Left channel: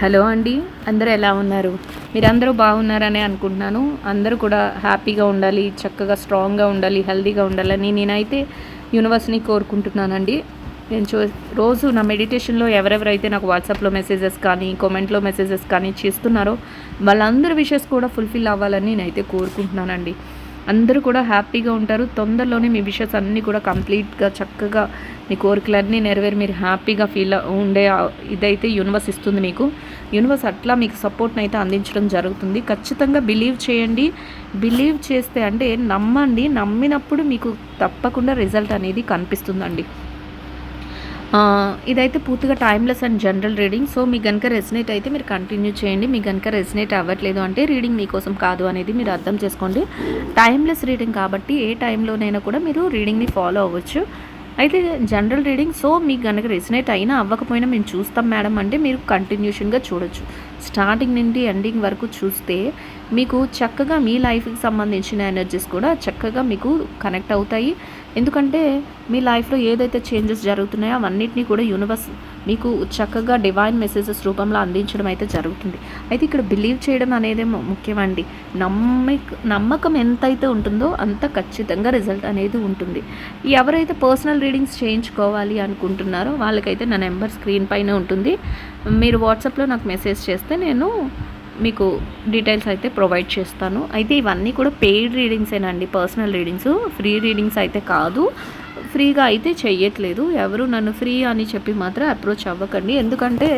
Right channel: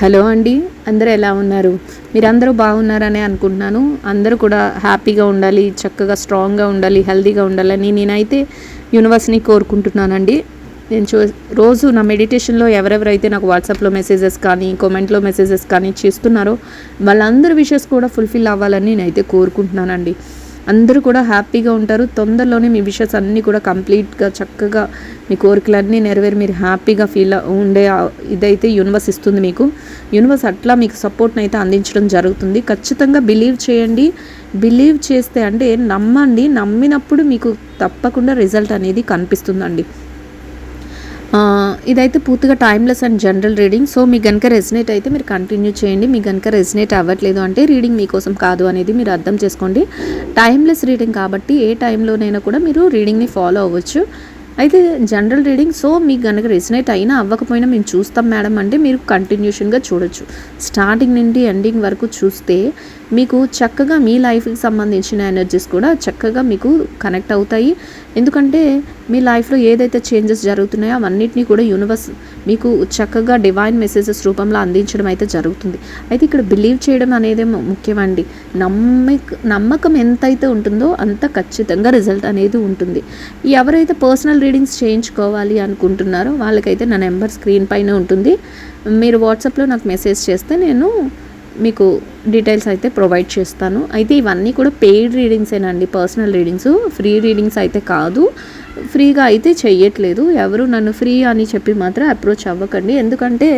Hello అండి అందరూ ఎలా ఉన్నారు? మీరందరూ బాగున్నారని అనుకుంటున్నాను. అందరూ కూడా హ్యాపీగా ఉండాలి చక్కగా స్ట్రాంగ్గా ఉండాలి హెల్తీగా ఉండాలని నేనైతే యూనివర్స్ని కోరుకుంటున్నానండి. నేను చూ రోజు నా మెడిటేషన్లో ఎవరెవరైతే నాకు వాట్సాప్లో మెసేజెస్ కానీ కామెంట్లో మెసేజెస్ కానీ చేస్తున్నారో వాళ్ళందరి విషెస్ కూడా ఫుల్ఫిల్ అవ్వాలని నేనైతే కోరుకుంటున్నానండి. అందరూ కూడా హ్యాపీగా ఉంటారు. తొందరలోనే మీ విషెస్ అన్నీ కూడా కంప్లీట్గా చక్కగా మీ కోరికలన్నీ నెరవేరి మీరు హ్యాపీగా ఫీల్ ఉండే ఇదైతే యూనివర్స్ ఇస్తుంది మీకు. యూనివర్స్ అట్లా మీకు సపోర్ట్ని అయితే అందించడం జరుగుతుంది. ఖచ్చితంగా బిలీవ్ చేయండి. బిలీవ్ చేస్తే అంటే నమ్మండి. నమ్మినప్పుడు మీకు తప్పకుండా రిజల్ట్ అనేది కనిపిస్తుందండి. ఇదైతే పూర్తిగా timeless and general reading. So మీ కనుక రెసినేట్ అయితే మీరు కంటిన్యూ చేయండి. మీ కనుక రెసినేట్ అవ్వట్లేదు అంటే రీడింగ్ మీకోసం కాదు అనేది మీరు అర్థం చేసుకోండి. టైమ్లెస్ రీడింగ్ కాబట్టి ఏ టైంలోనైనా కూడా మీరు రీడింగ్ని ఫాలో అవ్వచ్చు. అయితే జనరల్ రీడింగ్ సో మీకు కనుక రెసినేట్ అయినా అవ్వకపోయినా మేము చూస్తాం మేడం అంటే మీరు కంటిన్యూషన్గా చూడొచ్చు. స్టార్టింగ్ నుండి ఎండింగ్ వరకు చూస్తే మీకు చక్కగా మీ లైఫ్కి సంబంధించిన ఎనర్జీస్ కూడా చక్కగా మీకు కనెక్ట్ అవుతాయి. ఎందుకంటే మీ లైఫ్లో ఏదైతే చేంజెస్ జరుగుతున్నాయో అవన్నిటినీ కూడా యూనివర్స్ మీకు చక్కగా డివైన్ మెసేజెస్ రూపంలో అందించడం అయితే జరుగుతుంది. అయితే ఇక్కడ బిలీవ్ చేయడం అనేది ముఖ్యమండి. నమ్మక నమ్మకం ఎంతైతే ఉంటుందో అంత ఖచ్చితంగా రిజల్ట్ అనేది ఉంటుంది. ఎవరైతే పర్సనల్ రీడింగ్స్ చేయించుకోవాలి అనుకుంటున్నారో వాళ్ళకైతే నా నెంబర్ స్క్రీన్ పైన ఉంటుంది. మీరు వాట్సాప్లో నాకు మెసేజ్ చేస్తే నేను మీకు డీటెయిల్స్ అయితే ప్రొవైడ్ చేస్తాను. అయితే ఇవన్నీ కూడా పెయిడ్ రీడింగ్సేనండి పర్సనల్ రీడింగ్స్ ఫ్రీ రీడింగ్స్ అయితే కాదు. ఫ్రీగా అయితే చెయ్యట్లేదు. ఎవరు నన్ను ఫ్రీ అని చెప్పి మాత్రం అప్రోచ్ అవ్వకండి. ఎందుకంటే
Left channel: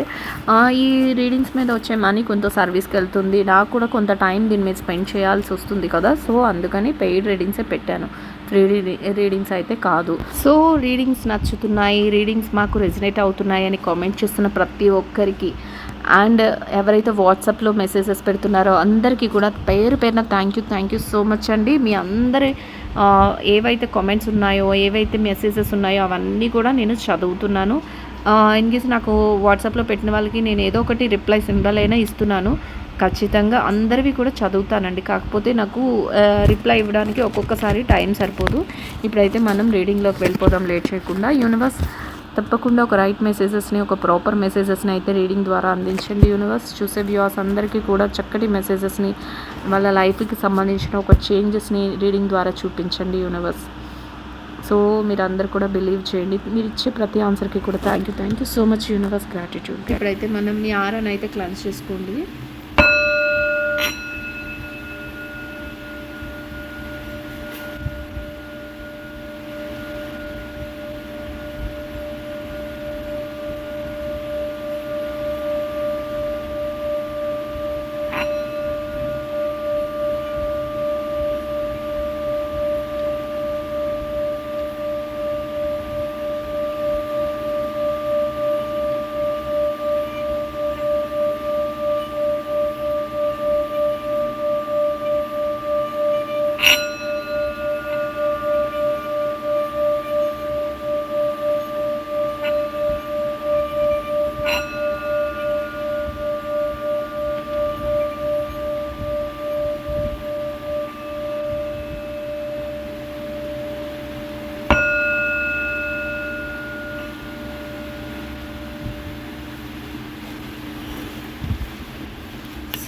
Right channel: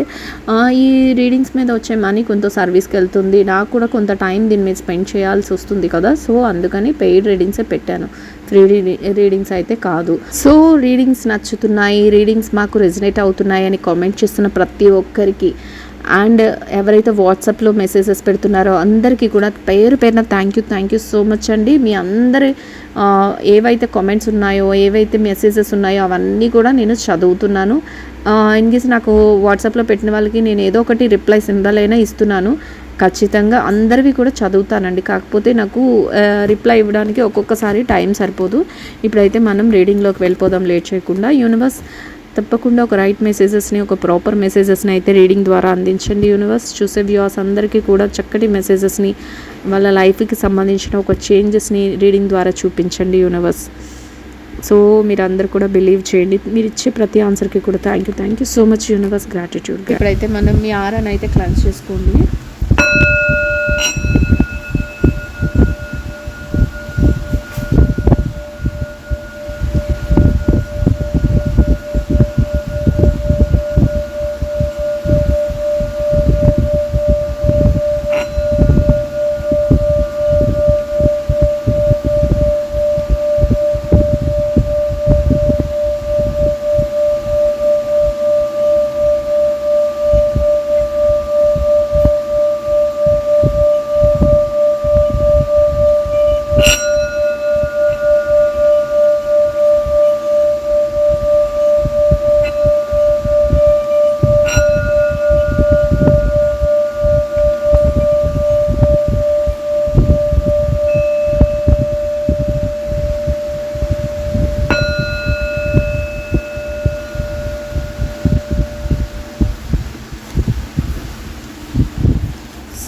ఈ రీడింగ్స్ మీద వచ్చే మనీ కొంత సర్వీస్కి వెళ్తుంది. నాకు కూడా కొంత టైం దీని మీద స్పెండ్ చేయాల్సి వస్తుంది కదా. సో అందుకని పెయిడ్ రీడింగ్సే పెట్టాను. ఫ్రీ రీడింగ్స్ అయితే కాదు. సో రీడింగ్స్ నచ్చుతున్నాయి. రీడింగ్స్ మాకు రెజినేట్ అవుతున్నాయి అని కామెంట్ చేస్తున్న ప్రతి ఒక్కరికి. అండ్ ఎవరైతే వాట్సాప్లో మెసేజెస్ పెడుతున్నారో అందరికీ కూడా పేరు పేరున thank you thank you so much అండి. మీ అందరి ఏవైతే కామెంట్స్ ఉన్నాయో ఏవైతే మెసేజెస్ ఉన్నాయో అవన్నీ కూడా నేను చదువుతున్నాను. ఇన్ కేస్ నాకు వాట్సాప్లో పెట్టిన వాళ్ళకి నేను ఏదో ఒకటి రిప్లై సింబల్ అయినా ఇస్తున్నాను. ఖచ్చితంగా అందరివి కూడా చదువుతానండి. కాకపోతే నాకు రిప్లై ఇవ్వడానికి ఒక్కొక్కసారి టైం సరిపోదు. ఇప్పుడైతే మనం రీడింగ్లోకి వెళ్ళిపోదాం. లేట్ చేయకుండా యూనివర్స్ తప్పకుండా ఒక రైట్ మెసేజెస్ని ఒక ప్రాపర్ మెసేజెస్ని అయితే రీడింగ్ ద్వారా అందించండి యూనివర్స్ చూసే వ్యూవర్స్ అందరికీ కూడా చక్కటి మెసేజెస్ని వాళ్ళ లైఫ్కి సంబంధించిన ఒక చేంజెస్ని రీడింగ్ ద్వారా చూపించండి యూనివర్స్ సో మీరు అందరు కూడా బిలీవ్ చేయండి. మీరు ఇచ్చే ప్రతి ఆన్సర్కి కూడా thank you thank you so much universe gratitude ఇప్పుడైతే మనం మీ ఆరాన్ అయితే క్లన్స్ చేసుకోండి.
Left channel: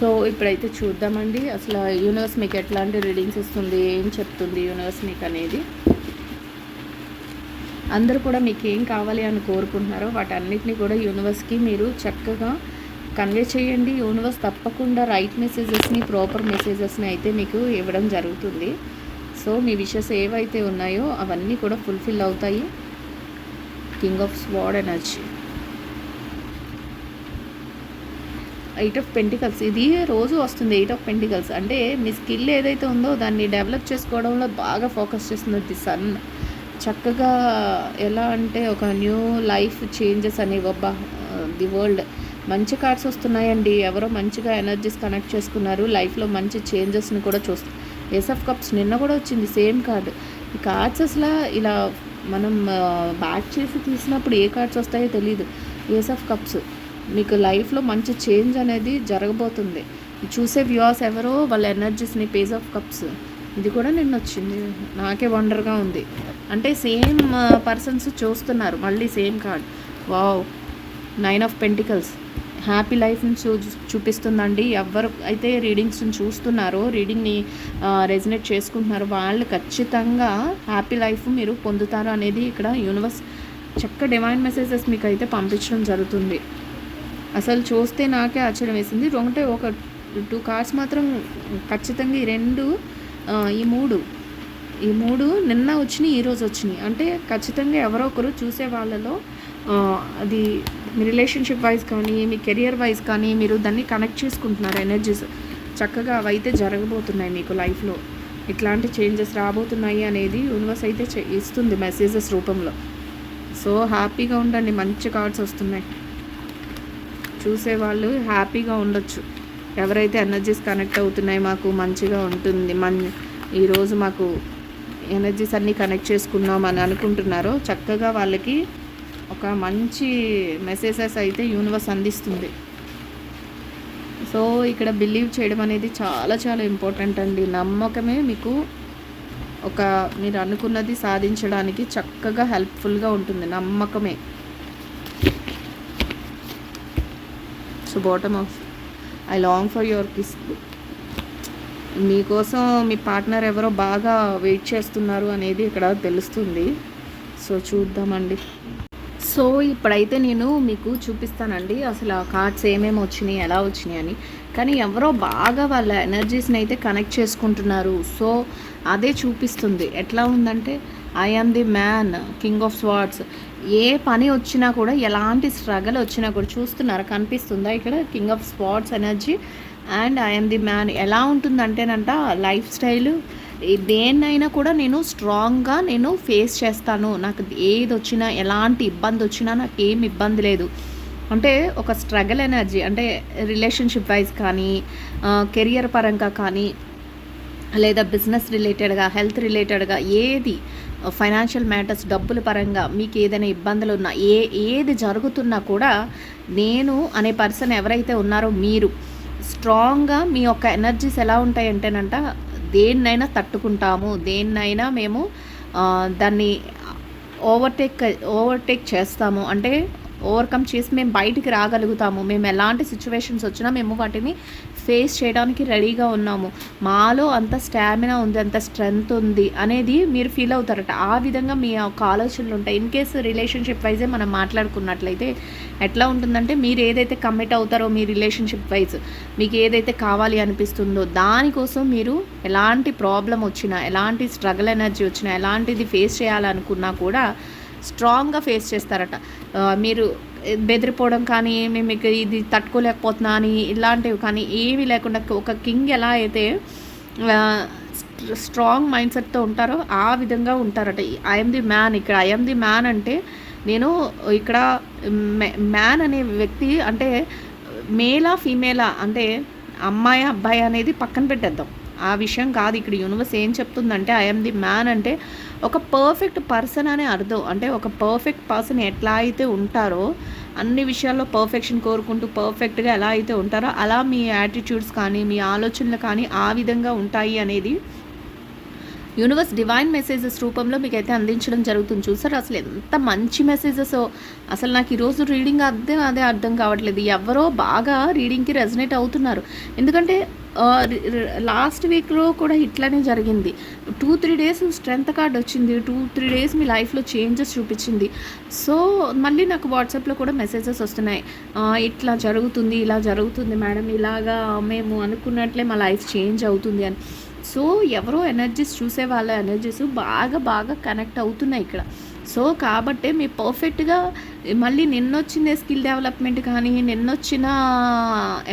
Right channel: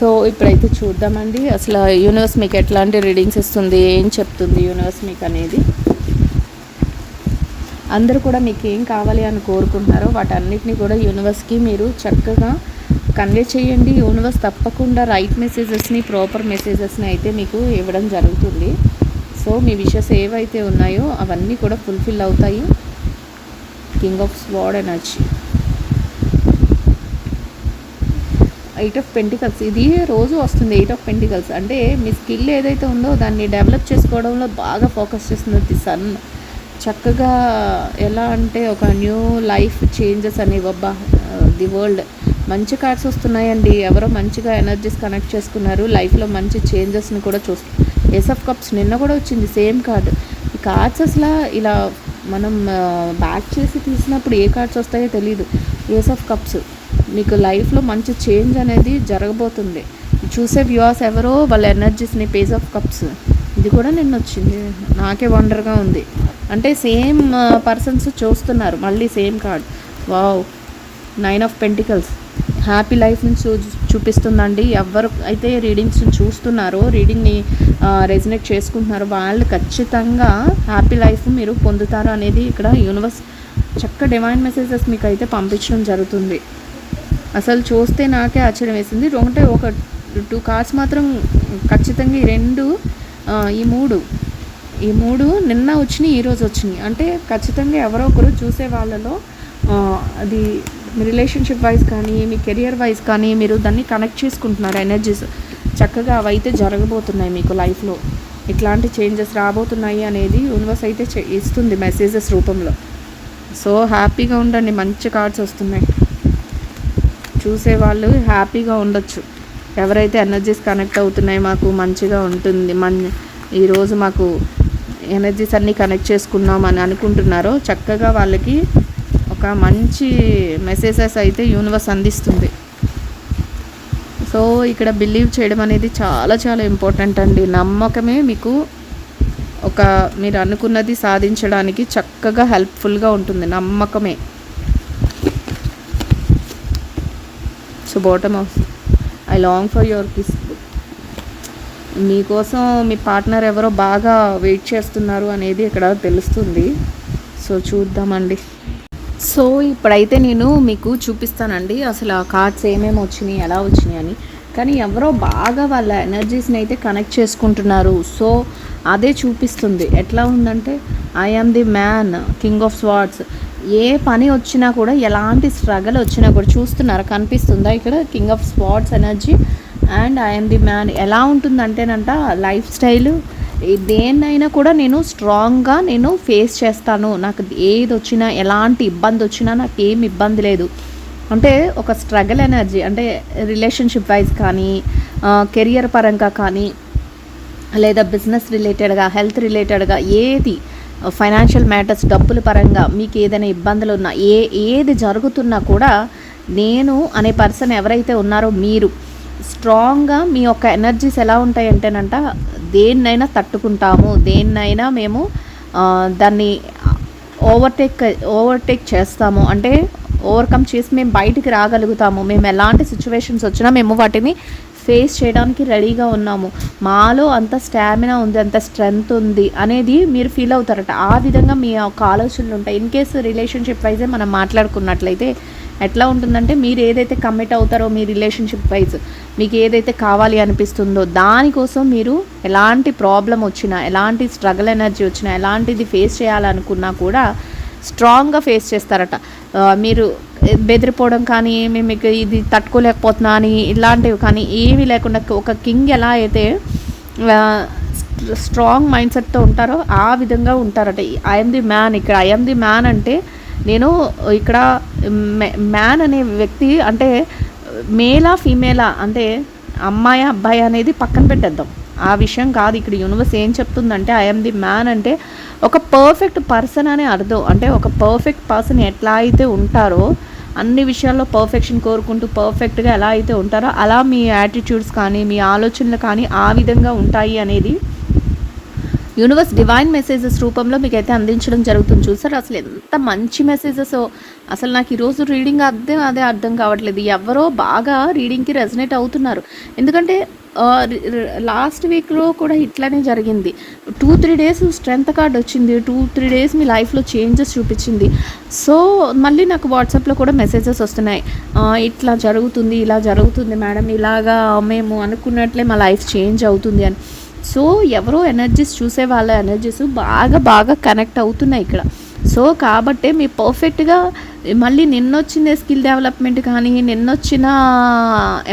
సో ఇప్పుడైతే చూద్దామండి. అసలు యూనివర్స్ మీకు ఎట్లాంటి రీడింగ్స్ ఇస్తుంది ఏం చెప్తుంది యూనివర్స్ మీకు అనేది. అందరూ కూడా మీకు ఏం కావాలి అని కోరుకుంటున్నారో వాటన్నిటిని కూడా యూనివర్స్కి మీరు చక్కగా కన్వే చేయండి. యూనివర్స్ తప్పకుండా రైట్ మెసేజెస్ని ప్రాపర్ మెసేజెస్ని అయితే మీకు ఇవ్వడం జరుగుతుంది. సో మీ విషెస్ ఏవైతే ఉన్నాయో అవన్నీ కూడా ఫుల్ఫిల్ అవుతాయి. King of swords energy eight of pentacles ఇది రోజు వస్తుంది ఎయిట్ ఆఫ్ పెంటికల్స్ అంటే మీ స్కిల్ ఏదైతే ఉందో దాన్ని డెవలప్ చేసుకోవడంలో బాగా ఫోకస్ చేస్తుంది సన్ చక్కగా ఎలా అంటే ఒక న్యూ లైఫ్ చేంజెస్ అనేవి అబ్బా ది వరల్డ్ మంచి కార్డ్స్ వస్తున్నాయండి. ఎవరో మంచిగా ఎనర్జీస్ కనెక్ట్ చేసుకున్నారు. లైఫ్లో మంచి చేంజెస్ని కూడా చూస్తారు ఎస్ఎఫ్ కప్స్ నిన్న కూడా వచ్చింది సేమ్ కార్డు ఈ కార్డ్స్ అసలు ఇలా మనం బ్యాక్ చేసి తీసినప్పుడు ఏ కార్డ్స్ వస్తాయో తెలియదు ఏస్ ఆఫ్ కప్స్ మీకు లైఫ్లో మంచి చేంజ్ అనేది జరగబోతుంది. చూసే వ్యూవర్స్ ఎవరో వాళ్ళ ఎనర్జీస్ని పేజ్ ఆఫ్ కప్స్ ఇది కూడా నిన్న వచ్చింది. నాకే వండర్గా ఉంది. అంటే సేమ్ పర్సన్స్ చూస్తున్నారు. మళ్ళీ same card wow nine of pentacles happy లైఫ్ని చూ చూపిస్తుందండి. ఎవరు అయితే రీడింగ్స్ని చూస్తున్నారో రీడింగ్ని రెజినేట్ చేసుకుంటున్నారో వాళ్ళు ఖచ్చితంగా హ్యాపీ లైఫ్ మీరు పొందుతారు అనేది ఇక్కడ యూనివర్స్ చక్క డివైన్ మెసేజెస్ మీకు అయితే పంపించడం జరుగుతుంది. అసలు చూస్తే నాకే ఆశ్చర్యం వేసింది. ఒకటే ఒక టూ కార్స్ మాత్రం ఖచ్చితంగా ఈ రెండు ఈ మూడు ఈ మూడు నిన్న వచ్చినాయి ఈరోజు వచ్చినాయి. అంటే ఖచ్చితంగా ఎవరో ఒకరు చూసే వాళ్ళలో అది రిలేషన్షిప్ వైజ్ కానీ మీ కెరియర్ వైజ్ కానీ మీరు దాన్ని కనెక్ట్ చేసుకుంటున్నారు ఎనర్జీస్ చక్కగా అవైతే జరగబోతున్నాయి మీకు లైఫ్లో ఇట్లాంటి చేంజెస్ రాబోతున్నాయి అనేది యూనివర్స్ అయితే చే- ఇస్తుంది మెసేజెస్ రూపంలో. సో హ్యాపీగా ఉండండి. మంచి కార్డ్స్ వస్తున్నాయి. చూసేవాళ్ళు హ్యాపీగా ఉండొచ్చు. ఎవరైతే ఎనర్జీస్ కనెక్ట్ అవుతున్నాయో మాకు మంచిగా ఉంటుంది. మన ఈరోజు మాకు ఎనర్జీస్ అన్నీ కనెక్ట్ చేసుకున్నాం అని అనుకుంటున్నారో చక్కగా వాళ్ళకి ఒక మంచి మెసేజెస్ అయితే యూనివర్స్ అందిస్తుంది. సో ఇక్కడ బిలీవ్ చేయడం అనేది చాలా చాలా ఇంపార్టెంట్ అండి. నమ్మకమే మీకు ఒక మీరు అనుకున్నది సాధించడానికి చక్కగా హెల్ప్ఫుల్గా ఉంటుంది. నమ్మకమే. So bottom of I long for your kiss మీకోసం మీ పార్ట్నర్ ఎవరో బాగా వెయిట్ చేస్తున్నారు అనేది ఇక్కడ తెలుస్తుంది. సో చూద్దామండి. సో ఇప్పుడైతే నేను మీకు చూపిస్తానండి. అసలు ఆ కార్డ్స్ ఏమేమి వచ్చినాయి ఎలా వచ్చినాయి అని. కానీ ఎవరో బాగా వాళ్ళ ఎనర్జీస్ని అయితే కనెక్ట్ చేసుకుంటున్నారు. సో అదే చూపిస్తుంది. ఎట్లా ఉందంటే I am the man king of swords ఏ పని వచ్చినా కూడా ఎలాంటి స్ట్రగల్ వచ్చినా కూడా చూస్తున్నారు కనిపిస్తుందా ఇక్కడ? King of spots energy and I'm the man ఎలా ఉంటుందంటేనంట లైఫ్ స్టైల్ దేన్నైనా కూడా నేను స్ట్రాంగ్గా నేను ఫేస్ చేస్తాను. నాకు ఏది వచ్చినా ఎలాంటి ఇబ్బంది వచ్చినా నాకు ఏం ఇబ్బంది లేదు. అంటే ఒక స్ట్రగల్ ఎనర్జీ అంటే రిలేషన్షిప్ వైజ్ కానీ కెరియర్ పరంగా కానీ లేదా బిజినెస్ రిలేటెడ్గా హెల్త్ రిలేటెడ్గా ఏది ఫైనాన్షియల్ మ్యాటర్స్ డబ్బుల పరంగా మీకు ఏదైనా ఇబ్బందులు ఉన్నా ఏ ఏది జరుగుతున్నా కూడా నేను అనే పర్సన్ ఎవరైతే ఉన్నారో మీరు స్ట్రాంగ్గా మీ యొక్క ఎనర్జీస్ ఎలా ఉంటాయంటేనంట దేన్నైనా తట్టుకుంటాము దేన్నైనా మేము దాన్ని ఓవర్టేక్ ఓవర్టేక్ చేస్తాము. అంటే ఓవర్కమ్ చేసి మేము బయటికి రాగలుగుతాము. మేము ఎలాంటి సిచ్యువేషన్స్ వచ్చినా మేము వాటిని ఫేస్ చేయడానికి రెడీగా ఉన్నాము. మాలో అంత స్టామినా ఉంది అంత స్ట్రెంగ్త్ ఉంది అనేది మీరు ఫీల్ అవుతారట. ఆ విధంగా మీ యొక్క ఆలోచనలు ఉంటాయి. ఇన్ కేసు రిలేషన్షిప్ వైజే మనం మాట్లాడుకున్నట్లయితే ఎట్లా ఉంటుందంటే మీరు ఏదైతే కమిట్ అవుతారో మీ రిలేషన్షిప్ వైజ్ మీకు ఏదైతే కావాలి అనిపిస్తుందో దానికోసం మీరు ఎలాంటి ప్రాబ్లం వచ్చినా ఎలాంటి స్ట్రగుల్ ఎనర్జీ వచ్చినా ఎలాంటిది ఫేస్ చేయాలనుకున్నా కూడా స్ట్రాంగ్గా ఫేస్ చేస్తారట. మీరు బెదిరిపోవడం కానీ మేము మీకు ఇది తట్టుకోలేకపోతున్నా అని ఇలాంటివి కానీ ఏమీ లేకుండా ఒక కింగ్ ఎలా అయితే స్ట్రాంగ్ మైండ్ సెట్తో ఉంటారో ఆ విధంగా ఉంటారట. ఐఎమ్ ది మ్యాన్ ఇక్కడ. ఐఎమ్ ది మ్యాన్ అంటే నేను ఇక్కడ మ్యాన్ అనే వ్యక్తి అంటే మేలా ఫీమేలా అంటే అమ్మాయి అబ్బాయి అనేది పక్కన పెట్టేద్దాం. ఆ విషయం కాదు. ఇక్కడ యూనివర్స్ ఏం చెప్తుందంటే ఐఎమ్ ది మ్యాన్ అంటే ఒక పర్ఫెక్ట్ పర్సన్ అనే అర్థం. అంటే ఒక పర్ఫెక్ట్ పర్సన్ ఎట్లా అయితే ఉంటారో అన్ని విషయాల్లో పర్ఫెక్షన్ కోరుకుంటూ పర్ఫెక్ట్గా ఎలా అయితే ఉంటారో అలా మీ యాటిట్యూడ్స్ కానీ మీ ఆలోచనలు కానీ ఆ విధంగా ఉంటాయి అనేది యూనివర్స్ డివైన్ మెసేజెస్ రూపంలో మీకు అయితే అందించడం జరుగుతుంది. చూసారు? అసలు ఎంత మంచి మెసేజెస్ అసలు నాకు ఈరోజు రీడింగ్ అదే అదే అర్థం కావట్లేదు. ఎవరో బాగా రీడింగ్కి రెజనేట్ అవుతున్నారు. ఎందుకంటే లాస్ట్ వీక్లో కూడా ఇట్లానే జరిగింది. Two three days strength card వచ్చింది. టూ త్రీ డేస్ మీ లైఫ్లో చేంజెస్ చూపించింది. సో మళ్ళీ నాకు వాట్సాప్లో కూడా మెసేజెస్ వస్తున్నాయి. ఇట్లా జరుగుతుంది ఇలా జరుగుతుంది మేడం ఇలాగా మేము అనుకున్నట్లే మా లైఫ్ చేంజ్ అవుతుంది అని. సో ఎవరో ఎనర్జీస్ చూసే వాళ్ళ ఎనర్జీస్ బాగా బాగా కనెక్ట్ అవుతున్నాయి ఇక్కడ. సో కాబట్టే మీ పర్ఫెక్ట్గా మళ్ళీ నిన్నొచ్చిన స్కిల్ డెవలప్మెంట్ కానీ నిన్నొచ్చిన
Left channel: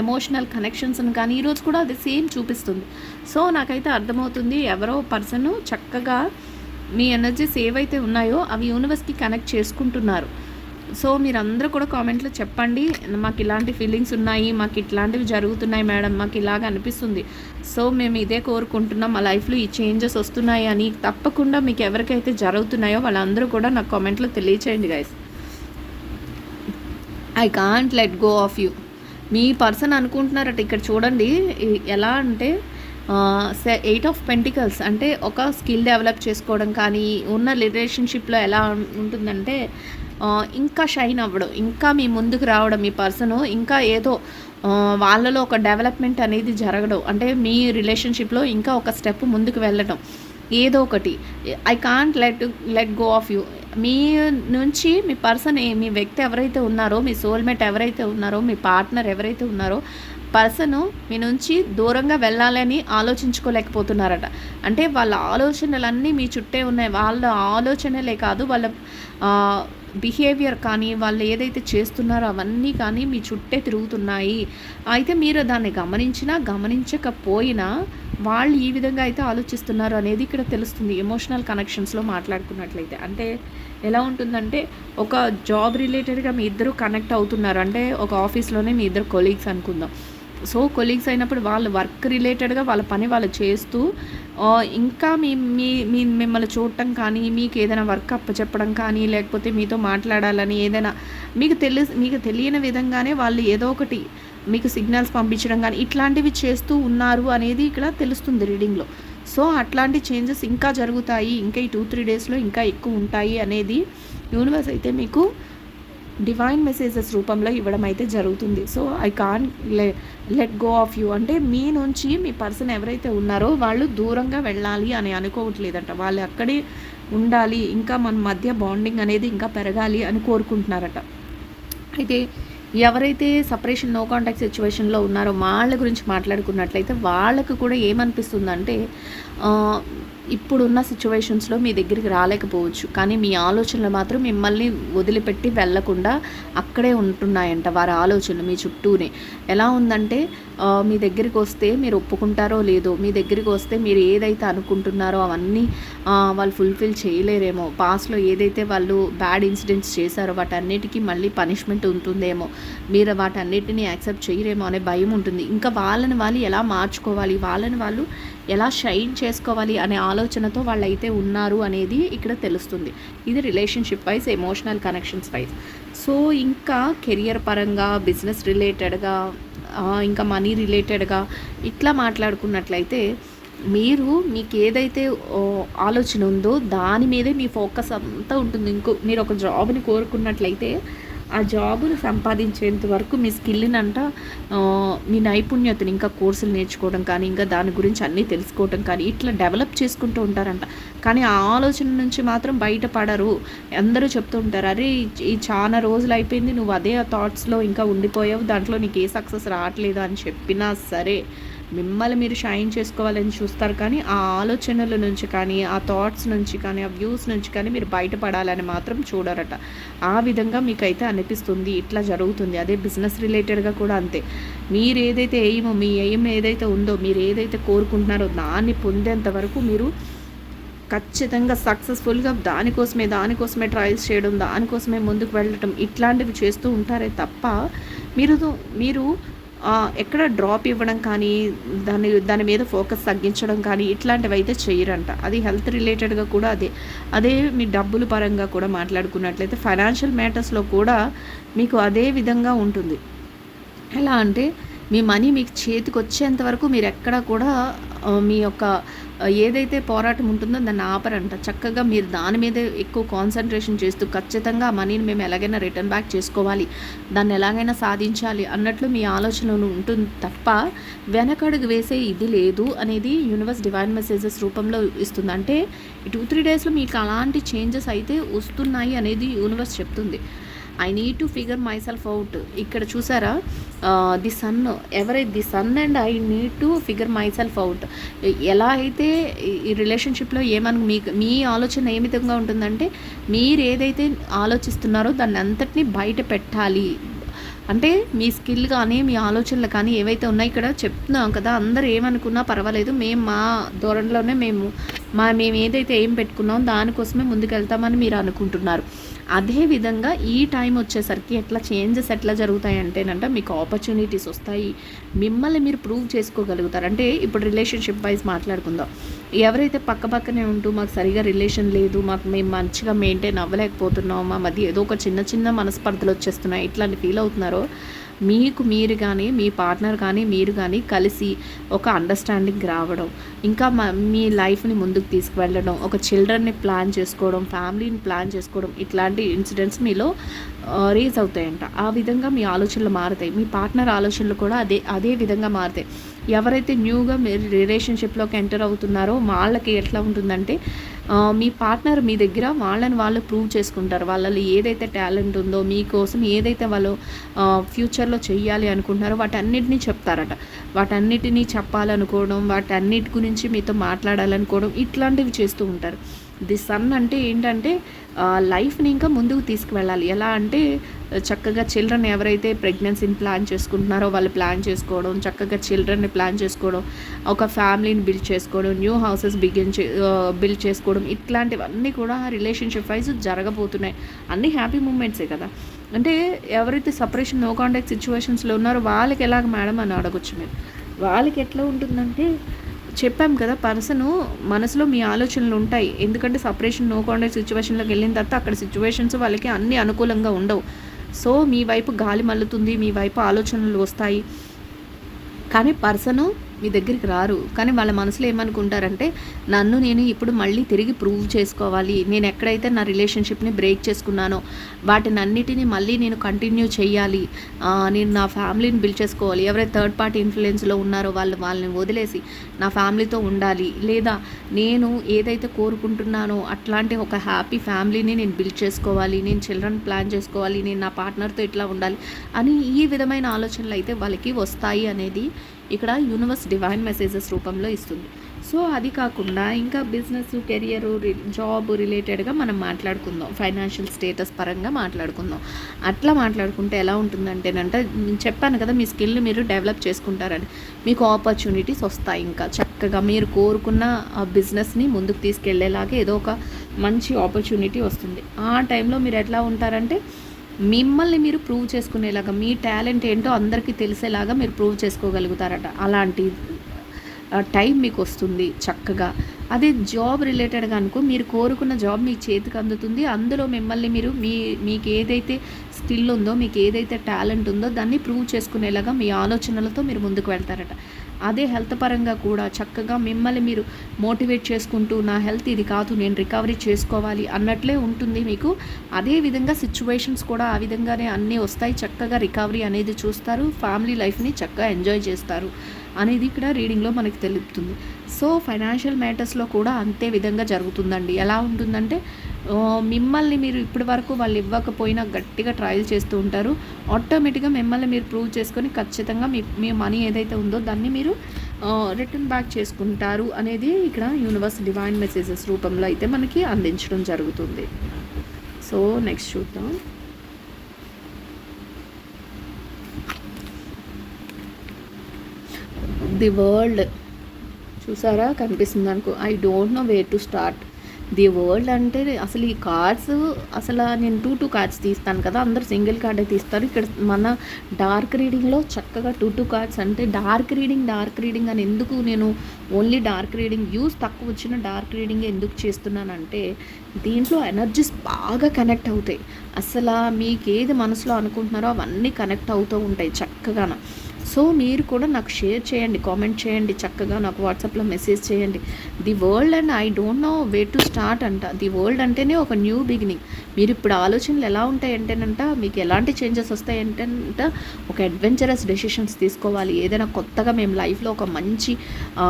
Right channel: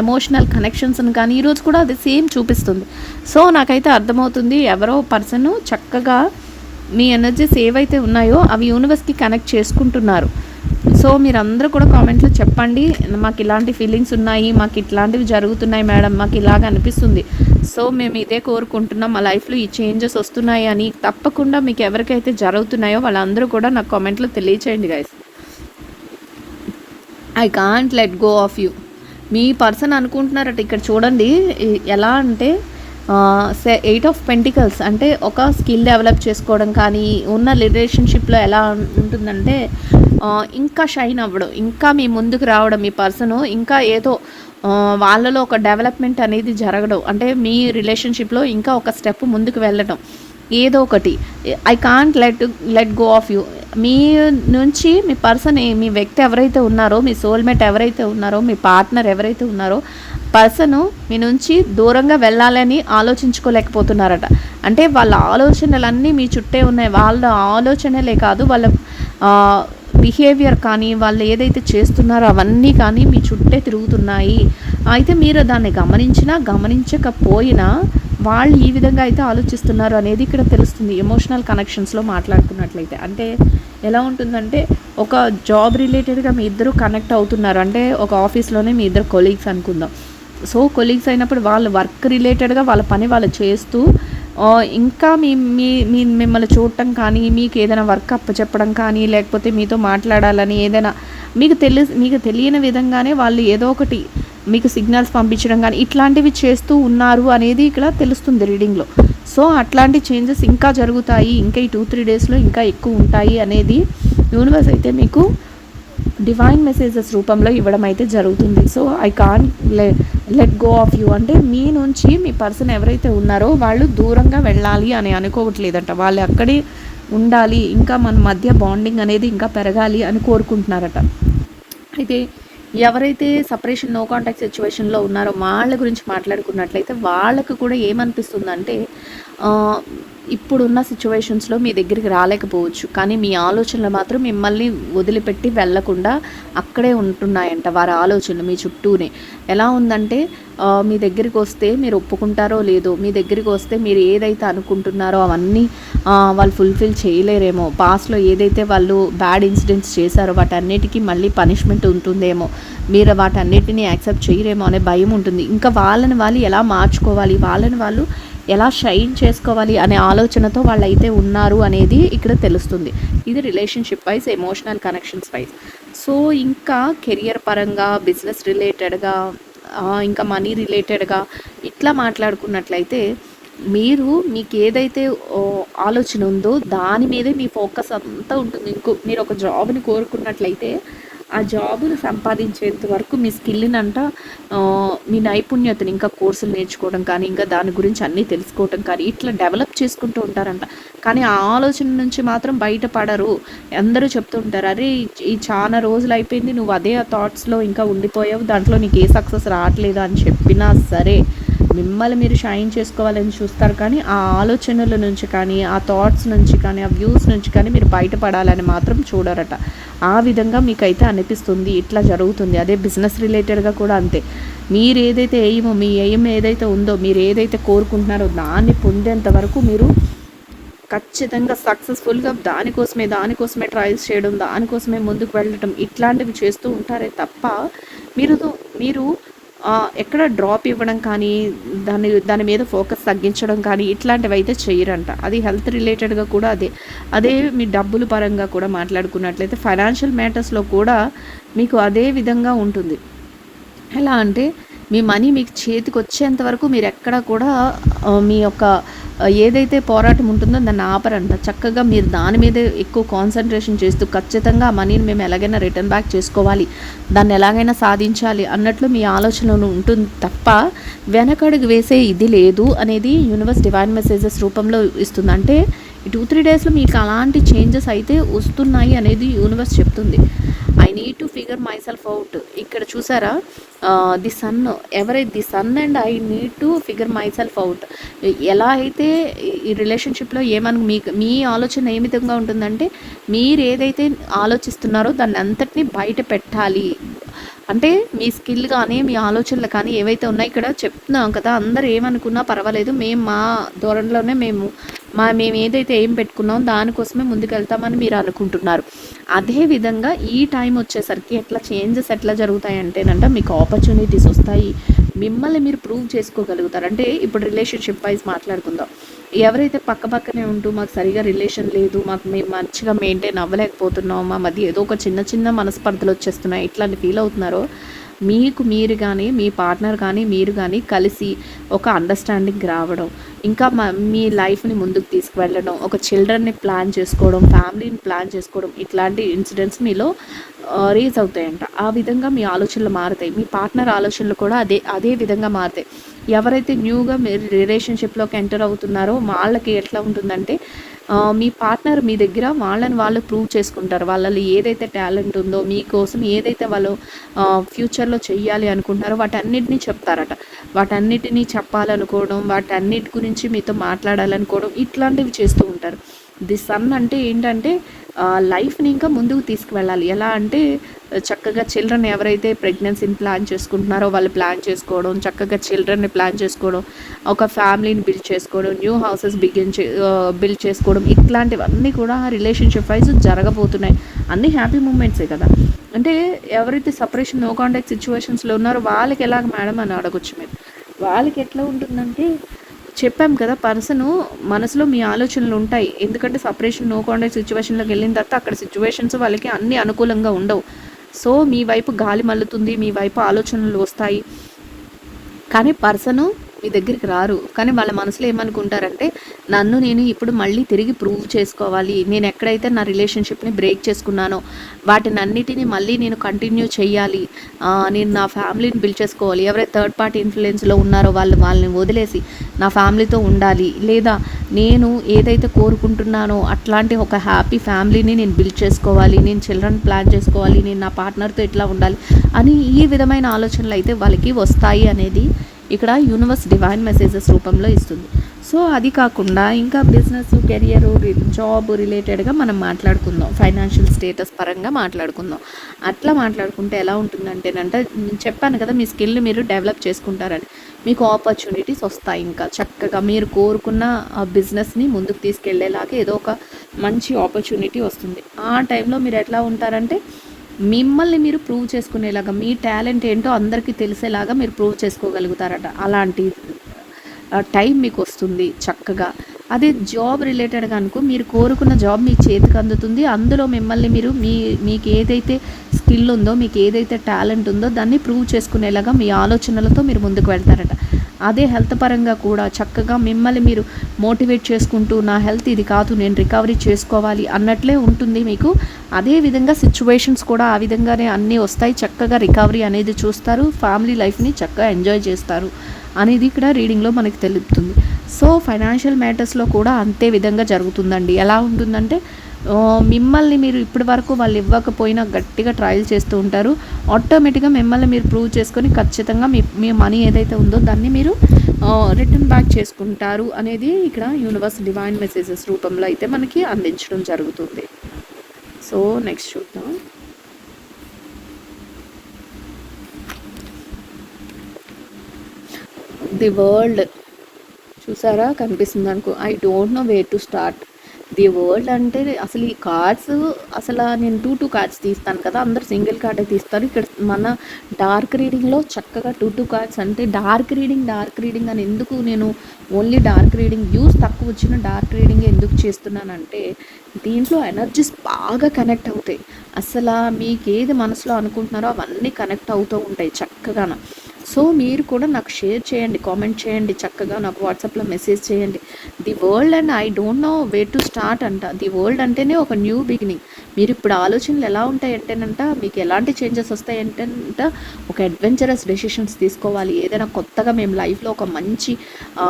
ఎమోషనల్ కనెక్షన్స్ని కానీ ఈరోజు కూడా అది సేమ్ చూపిస్తుంది. సో నాకైతే అర్థమవుతుంది ఎవరో పర్సన్ చక్కగా మీ ఎనర్జీస్ ఏవైతే ఉన్నాయో అవి యూనివర్స్కి కనెక్ట్ చేసుకుంటున్నారు. సో మీరందరూ కూడా కామెంట్లో చెప్పండి. మాకు ఇలాంటి ఫీలింగ్స్ ఉన్నాయి మాకు ఇట్లాంటివి జరుగుతున్నాయి మేడం మాకు ఇలాగ అనిపిస్తుంది. సో మేము ఇదే కోరుకుంటున్నాం మా లైఫ్లో ఈ చేంజెస్ వస్తున్నాయి అని తప్పకుండా మీకు ఎవరికైతే జరుగుతున్నాయో వాళ్ళందరూ కూడా నాకు కామెంట్లో తెలియచేయండి guys I can't let go of you me person అనుకుంటున్నారట ఇక్కడ చూడండి ఎలా అంటే ఎయిట్ ఆఫ్ పెంటికల్స్ అంటే ఒక స్కిల్ డెవలప్ చేసుకోవడం కానీ ఉన్న రిలేషన్షిప్లో ఎలా ఉంటుందంటే ఇంకా షైన్ అవ్వడం ఇంకా మీ ముందుకు రావడం మీ పర్సన్ ఇంకా ఏదో వాళ్ళలో ఒక డెవలప్మెంట్ అనేది జరగడం అంటే మీ రిలేషన్షిప్లో ఇంకా ఒక స్టెప్ ముందుకు వెళ్ళడం. ఏదో ఒకటి. I can't let let go of you మీ నుంచి మీ పర్సన్ మీ వ్యక్తి ఎవరైతే ఉన్నారో మీ సోల్మేట్ ఎవరైతే ఉన్నారో మీ పార్ట్నర్ ఎవరైతే ఉన్నారో పర్సన్ మీ నుంచి దూరంగా వెళ్ళాలని ఆలోచించుకోలేకపోతున్నారట. అంటే వాళ్ళ ఆలోచనలన్నీ మీ చుట్టే ఉన్నాయి. వాళ్ళ ఆలోచనలే కాదు వాళ్ళ బిహేవియర్ కానీ వాళ్ళు ఏదైతే చేస్తున్నారో అవన్నీ కానీ మీ చుట్టే తిరుగుతున్నాయి. అయితే మీరు దాన్ని గమనించినా గమనించకపోయినా వాళ్ళు ఈ విధంగా అయితే ఆలోచిస్తున్నారు అనేది ఇక్కడ తెలుస్తుంది ఎమోషనల్ కనెక్షన్స్లో మాట్లాడుకున్నట్లయితే. అంటే ఎలా ఉంటుందంటే ఒక జాబ్ రిలేటెడ్గా మీ ఇద్దరు కనెక్ట్ అవుతున్నారు. అంటే ఒక ఆఫీస్లోనే మీ ఇద్దరు కొలీగ్స్ అనుకుందాం. సో కొలీగ్స్ అయినప్పుడు వాళ్ళు వర్క్ రిలేటెడ్గా వాళ్ళ పని వాళ్ళు చేస్తూ ఇంకా మీ మీ మీ మిమ్మల్ని చూడటం కానీ మీకు ఏదైనా వర్క్ అప్పచెప్పడం కానీ లేకపోతే మీతో మాట్లాడాలని ఏదైనా మీకు తెలి మీకు తెలియని విధంగానే వాళ్ళు ఏదో ఒకటి మీకు సిగ్నల్స్ పంపించడం కానీ ఇట్లాంటివి చేస్తూ ఉన్నారు అనేది ఇక్కడ తెలుస్తుంది రీడింగ్లో. సో అట్లాంటి చేంజెస్ ఇంకా జరుగుతాయి ఇంకా ఈ టూ త్రీ డేస్లో ఇంకా ఎక్కువ ఉంటాయి అనేది యూనివర్స్ అయితే మీకు డివైన్ మెసేజెస్ రూపంలో ఇవ్వడం అయితే జరుగుతుంది. So I can't let go of you అంటే మీ నుంచి మీ పర్సన్ ఎవరైతే ఉన్నారో వాళ్ళు దూరంగా వెళ్ళాలి అని అనుకోవట్లేదంట. వాళ్ళు అక్కడే ఉండాలి ఇంకా మన మధ్య బాండింగ్ అనేది ఇంకా పెరగాలి అని కోరుకుంటున్నారట. అయితే ఎవరైతే సపరేషన్ నో కాంటాక్ట్ సిచ్యువేషన్లో ఉన్నారో వాళ్ళ గురించి మాట్లాడుకున్నట్లయితే వాళ్ళకు కూడా ఏమనిపిస్తుందంటే ఇప్పుడున్న సిచ్యువేషన్స్లో మీ దగ్గరికి రాలేకపోవచ్చు. కానీ మీ ఆలోచనలు మాత్రం మిమ్మల్ని వదిలిపెట్టి వెళ్ళకుండా అక్కడే ఉంటున్నాయంట వారి ఆలోచన మీ చుట్టూనే. ఎలా ఉందంటే మీ దగ్గరికి వస్తే మీరు ఒప్పుకుంటారో లేదో మీ దగ్గరికి వస్తే మీరు ఏదైతే అనుకుంటున్నారో అవన్నీ వాళ్ళు ఫుల్ఫిల్ చేయలేరేమో. పాస్ట్లో ఏదైతే వాళ్ళు బ్యాడ్ ఇన్సిడెంట్స్ చేశారో వాటన్నిటికీ మళ్ళీ పనిష్మెంట్ ఉంటుందేమో. మీరు వాటన్నిటిని యాక్సెప్ట్ చేయరేమో అనే భయం ఉంటుంది. ఇంకా వాళ్ళని వాళ్ళు ఎలా మార్చుకోవాలి? వాళ్ళని వాళ్ళు ఎలా షైన్ చేసుకోవాలి అనే ఆలోచనతో వాళ్ళు అయితే ఉన్నారు అనేది ఇక్కడ తెలుస్తుంది. ఇది relationship wise emotional connections wise. So ఇంకా కెరియర్ పరంగా బిజినెస్ రిలేటెడ్గా ఇంకా మనీ రిలేటెడ్గా ఇట్లా మాట్లాడుకున్నట్లయితే మీరు మీకు ఏదైతే ఆలోచన ఉందో దాని మీదే మీ ఫోకస్ అంతా ఉంటుంది. ఇంకో మీరు ఒక జాబ్ని కోరుకున్నట్లయితే ఆ జాబును సంపాదించేంత వరకు మీ స్కిల్ని అంట మీ నైపుణ్యతని ఇంకా కోర్సులు నేర్చుకోవడం కానీ ఇంకా దాని గురించి అన్నీ తెలుసుకోవడం కానీ ఇట్లా డెవలప్ చేసుకుంటూ ఉంటారంట. కానీ ఆ ఆలోచన నుంచి మాత్రం బయటపడరు. అందరూ చెప్తూ ఉంటారు అరే ఈ చాలా రోజులు అయిపోయింది నువ్వు అదే థాట్స్లో ఇంకా ఉండిపోయావు దాంట్లో నీకు ఏ సక్సెస్ రావట్లేదు అని చెప్పినా సరే మిమ్మల్ని మీరు షైన్ చేసుకోవాలని చూస్తారు. కానీ ఆ ఆలోచనల నుంచి కానీ ఆ థాట్స్ నుంచి కానీ ఆ వ్యూస్ నుంచి కానీ మీరు బయటపడాలని మాత్రం చూడరట. ఆ విధంగా మీకైతే అనిపిస్తుంది ఇట్లా జరుగుతుంది. అదే బిజినెస్ రిలేటెడ్గా కూడా అంతే. మీరు ఏదైతే ఎయిమో మీ ఎయిమ్ ఏదైతే ఉందో మీరు ఏదైతే కోరుకుంటున్నారో దాన్ని పొందేంత వరకు మీరు ఖచ్చితంగా సక్సెస్ఫుల్గా దానికోసమే దానికోసమే ట్రయల్స్ చేయడం దానికోసమే ముందుకు వెళ్ళటం ఇట్లాంటివి చేస్తూ ఉంటారే తప్ప మీరు మీరు ఎక్కడ డ్రాప్ ఇవ్వడం కానీ దాని దాని మీద ఫోకస్ తగ్గించడం కానీ ఇట్లాంటివి అయితే చేయరంట. అది హెల్త్ రిలేటెడ్గా కూడా అదే. అదే మీ డబ్బులు పరంగా కూడా మాట్లాడుకున్నట్లయితే ఫైనాన్షియల్ మ్యాటర్స్లో కూడా మీకు అదే విధంగా ఉంటుంది. ఎలా అంటే మీ మనీ మీకు చేతికి వచ్చేంత వరకు మీరు ఎక్కడ కూడా మీ యొక్క ఏదైతే పోరాటం ఉంటుందో దాన్ని ఆపరంట. చక్కగా మీరు దాని మీదే ఎక్కువ కాన్సన్ట్రేషన్ చేస్తూ ఖచ్చితంగా ఆ మనీని మేము ఎలాగైనా రిటర్న్ బ్యాక్ చేసుకోవాలి. దాన్ని ఎలాగైనా సాధించాలి అన్నట్లు మీ ఆలోచనలు ఉంటుంది తప్ప వెనకడుగు వేసే ఇది లేదు అనేది యూనివర్స్ డివైన్ మెసేజెస్ రూపంలో ఇస్తుంది. అంటే టూ త్రీ డేస్లో మీకు అలాంటి చేంజెస్ అయితే వస్తున్నాయి అనేది యూనివర్స్ చెప్తుంది. I need to figure myself out ఇక్కడ చూసారా? ది సన్ ఎవరైతే the sun and I need to figure myself out ఎలా అయితే ఈ- రిలేషన్షిప్లో ఏమని మీకు మీ ఆలోచన ఏ విధంగా ఉంటుందంటే మీరు ఏదైతే ఆలోచిస్తున్నారో దాన్ని అంతటినీ బయట పెట్టాలి. అంటే మీ స్కిల్ కానీ మీ ఆలోచనలు కానీ ఏవైతే ఉన్నాయో ఇక్కడ చెప్తున్నాం కదా అందరూ ఏమనుకున్నా పర్వాలేదు మేము మా ధోరణిలోనే మేము మా మేము ఏదైతే ఏం పెట్టుకున్నామో దానికోసమే ముందుకు వెళ్తామని మీరు అనుకుంటున్నారు. అదే విధంగా ఈ టైం వచ్చేసరికి ఎట్లా చేంజెస్ ఎట్లా జరుగుతాయి అంటేనంట మీకు ఆపర్చునిటీస్ వస్తాయి. మిమ్మల్ని మీరు ప్రూవ్ చేసుకోగలుగుతారు. అంటే ఇప్పుడు రిలేషన్షిప్ వైజ్ మాట్లాడుకుందాం. ఎవరైతే పక్క పక్కనే ఉంటూ మాకు సరిగా రిలేషన్ లేదు మాకు మేము మంచిగా మెయింటైన్ అవ్వలేకపోతున్నాం మా మధ్య ఏదో ఒక చిన్న చిన్న మనస్పర్ధలు వచ్చేస్తున్నాయి ఇట్లాంటి ఫీల్ అవుతున్నారో మీకు మీరు కానీ మీ పార్ట్నర్ కానీ మీరు కానీ కలిసి ఒక అండర్స్టాండింగ్ రావడం ఇంకా మ- మీ లైఫ్ని ముందుకు తీసుకువెళ్ళడం ఒక చిల్డ్రన్ని ప్లాన్ చేసుకోవడం ఫ్యామిలీని ప్లాన్ చేసుకోవడం ఇట్లాంటి ఇన్సిడెంట్స్ మీలో రేజ్ అవుతాయంట. ఆ విధంగా మీ ఆలోచనలు మారుతాయి. మీ పార్ట్నర్ ఆలోచనలు కూడా అదే అదే విధంగా మారుతాయి. ఎవరైతే న్యూగా మీరు రిలేషన్షిప్లోకి ఎంటర్ అవుతున్నారో వాళ్ళకి ఎట్లా ఉంటుందంటే మీ పార్ట్నర్ మీ దగ్గర వాళ్ళని వాళ్ళు ప్రూవ్ చేసుకుంటారు. వాళ్ళలో ఏదైతే టాలెంట్ ఉందో మీకోసం ఏదైతే వాళ్ళు ఫ్యూచర్లో చేయాలి అనుకుంటున్నారో వాటన్నిటినీ చెప్తారట. వాటన్నిటినీ చెప్పాలనుకోవడం వాటన్నిటి గురించి మీతో మాట్లాడాలనుకోవడం ఇట్లాంటివి చేస్తూ ఉంటారు. ది సన్ అంటే ఏంటంటే లైఫ్ని ఇంకా ముందుకు తీసుకువెళ్ళాలి. ఎలా అంటే చక్కగా చిల్డ్రన్ ఎవరైతే ప్రెగ్నెన్సీని ప్లాన్ చేసుకుంటున్నారో వాళ్ళు ప్లాన్ చేసుకోవడం చక్కగా చిల్డ్రన్ని ప్లాన్ చేసుకోవడం ఒక ఫ్యామిలీని బిల్డ్ చేసుకోవడం న్యూ హౌసెస్ బిగిన్ చే బిల్డ్ చేసుకోవడం ఇట్లాంటివన్నీ కూడా రిలేషన్షిప్ వైజ్ జరగబోతున్నాయి. అన్నీ హ్యాపీ మూమెంట్సే కదా. అంటే ఎవరైతే సపరేషన్ నో కాంటాక్ట్ సిచ్యువేషన్స్లో ఉన్నారో వాళ్ళకి ఎలాగ మేడం అని అడగొచ్చు మీరు. వాళ్ళకి ఎట్లా ఉంటుందంటే చెప్పాం కదా పర్సను మనసులో మీ ఆలోచనలు ఉంటాయి. ఎందుకంటే సపరేషన్ నో కాంటాక్ట్ సిచ్యువేషన్లోకి వెళ్ళిన తర్వాత అక్కడ సిచ్యువేషన్స్ వాళ్ళకి అన్ని అనుకూలంగా ఉండవు. సో మీ వైపు గాలి మల్లుతుంది మీ వైపు ఆలోచనలు వస్తాయి. కానీ పర్సను మీ దగ్గరికి రారు. కానీ వాళ్ళ మనసులో ఏమనుకుంటారంటే నన్ను నేను ఇప్పుడు మళ్ళీ తిరిగి ప్రూవ్ చేసుకోవాలి. నేను ఎక్కడైతే నా రిలేషన్షిప్ని బ్రేక్ చేసుకున్నానో వాటిని అన్నిటినీ మళ్ళీ నేను కంటిన్యూ చేయాలి. నేను నా ఫ్యామిలీని బిల్డ్ చేసుకోవాలి. ఎవరైతే థర్డ్ పార్టీ ఇన్ఫ్లుయెన్స్లో ఉన్నారో వాళ్ళు వాళ్ళని వదిలేసి నా ఫ్యామిలీతో ఉండాలి. లేదా నేను ఏదైతే కోరుకుంటున్నానో అట్లాంటి ఒక హ్యాపీ ఫ్యామిలీని నేను బిల్డ్ చేసుకోవాలి. నేను చిల్డ్రన్ ప్లాన్ చేసుకోవాలి. నేను నా పార్ట్నర్తో ఇట్లా ఉండాలి అని ఈ విధమైన ఆలోచనలు అయితే వాళ్ళకి వస్తాయి అనేది ఇక్కడ యూనివర్స్ డివైన్ మెసేజెస్ రూపంలో ఇస్తుంది. సో అది కాకుండా ఇంకా బిజినెస్ కెరియర్ జాబ్ రిలేటెడ్గా మనం మాట్లాడుకుందాం. ఫైనాన్షియల్ స్టేటస్ పరంగా మాట్లాడుకుందాం. అట్లా మాట్లాడుకుంటే ఎలా ఉంటుందంటేనంటే నేను చెప్పాను కదా మీ స్కిల్ని మీరు డెవలప్ చేసుకుంటారని. మీకు ఆపర్చునిటీస్ వస్తాయి ఇంకా. చక్కగా మీరు కోరుకున్న బిజినెస్ని ముందుకు తీసుకెళ్ళేలాగా ఏదో ఒక మంచి ఆపర్చునిటీ వస్తుంది. ఆ టైంలో మీరు ఎట్లా ఉంటారంటే మిమ్మల్ని మీరు ప్రూవ్ చేసుకునేలాగా మీ టాలెంట్ ఏంటో అందరికీ తెలిసేలాగా మీరు ప్రూవ్ చేసుకోగలుగుతారట. అలాంటి టైం మీకు వస్తుంది చక్కగా. అదే జాబ్ రిలేటెడ్గా అనుకో మీరు కోరుకున్న జాబ్ మీ చేతికి అందుతుంది. అందులో మిమ్మల్ని మీరు మీ మీకు ఏదైతే స్కిల్ ఉందో మీకు ఏదైతే టాలెంట్ ఉందో దాన్ని ప్రూవ్ చేసుకునేలాగా మీ ఆలోచనలతో మీరు ముందుకు వెళ్తారట. అదే హెల్త్ పరంగా కూడా చక్కగా మిమ్మల్ని మీరు మోటివేట్ చేసుకుంటూ నా హెల్త్ ఇది కాదు నేను రికవరీ చేసుకోవాలి అన్నట్లే ఉంటుంది మీకు. అదే విధంగా సిచ్యువేషన్స్ కూడా ఆ విధంగానే అన్నీ వస్తాయి. చక్కగా రికవరీ అనేది చూస్తారు. ఫ్యామిలీ లైఫ్ని చక్కగా ఎంజాయ్ చేస్తారు అనేది ఇక్కడ రీడింగ్లో మనకు తెలుపుతుంది. సో ఫైనాన్షియల్ మ్యాటర్స్లో కూడా అంతే విధంగా జరుగుతుందండి. ఎలా ఉంటుందంటే మిమ్మల్ని మీరు ఇప్పటి వరకు వాళ్ళు ఇవ్వకపోయినా గట్టిగా ట్రయల్ చేస్తూ ఉంటారు. ఆటోమేటిక్గా మిమ్మల్ని మీరు ప్రూవ్ చేసుకొని ఖచ్చితంగా మీ మీ మనీ ఏదైతే ఉందో దాన్ని మీరు రిటర్న్ బ్యాక్ చేసుకుంటారు అనేది ఇక్కడ యూనివర్స్ డివైన్ మెసేజెస్ రూపంలో అయితే మనకి అందించడం జరుగుతుంది. సో నెక్స్ట్ చూద్దాం. The world. చూసారా? కనిపిస్తుంది అనుకో. I don't know way to start. The world అంటే అసలు ఈ కార్డ్స్ అసలు నేను టూ టూ కార్డ్స్ తీస్తాను కదా అందరు సింగిల్ కార్డే తీస్తారు. ఇక్కడ మన డార్క్ రీడింగ్లో చక్కగా టూ టూ కార్డ్స్ అంటే డార్క్ రీడింగ్ డార్క్ రీడింగ్ అని ఎందుకు నేను ఓన్లీ డార్క్ రీడింగ్ యూస్ తక్కువ వచ్చిన డార్క్ రీడింగ్ ఎందుకు చేస్తున్నానంటే దీంట్లో ఎనర్జీస్ బాగా కనెక్ట్ అవుతాయి. అసలు మీకు ఏది మనసులో అనుకుంటున్నారో అవన్నీ కనెక్ట్ అవుతూ ఉంటాయి చక్కగా సో మీరు కూడా నాకు షేర్ చేయండి కామెంట్ చేయండి చక్కగా నాకు వాట్సాప్లో మెసేజ్ చేయండి. The world and I don't know way to start అంట. ది వరల్డ్ అంటేనే ఒక న్యూ బిగినింగ్ మీరు ఇప్పుడు ఆలోచనలు ఎలా ఉంటాయంటేనంట మీకు ఎలాంటి చేంజెస్ వస్తాయంటేనంట ఒక అడ్వెంచరస్ డెసిషన్స్ తీసుకోవాలి. ఏదైనా కొత్తగా మేము లైఫ్లో ఒక మంచి ఆ,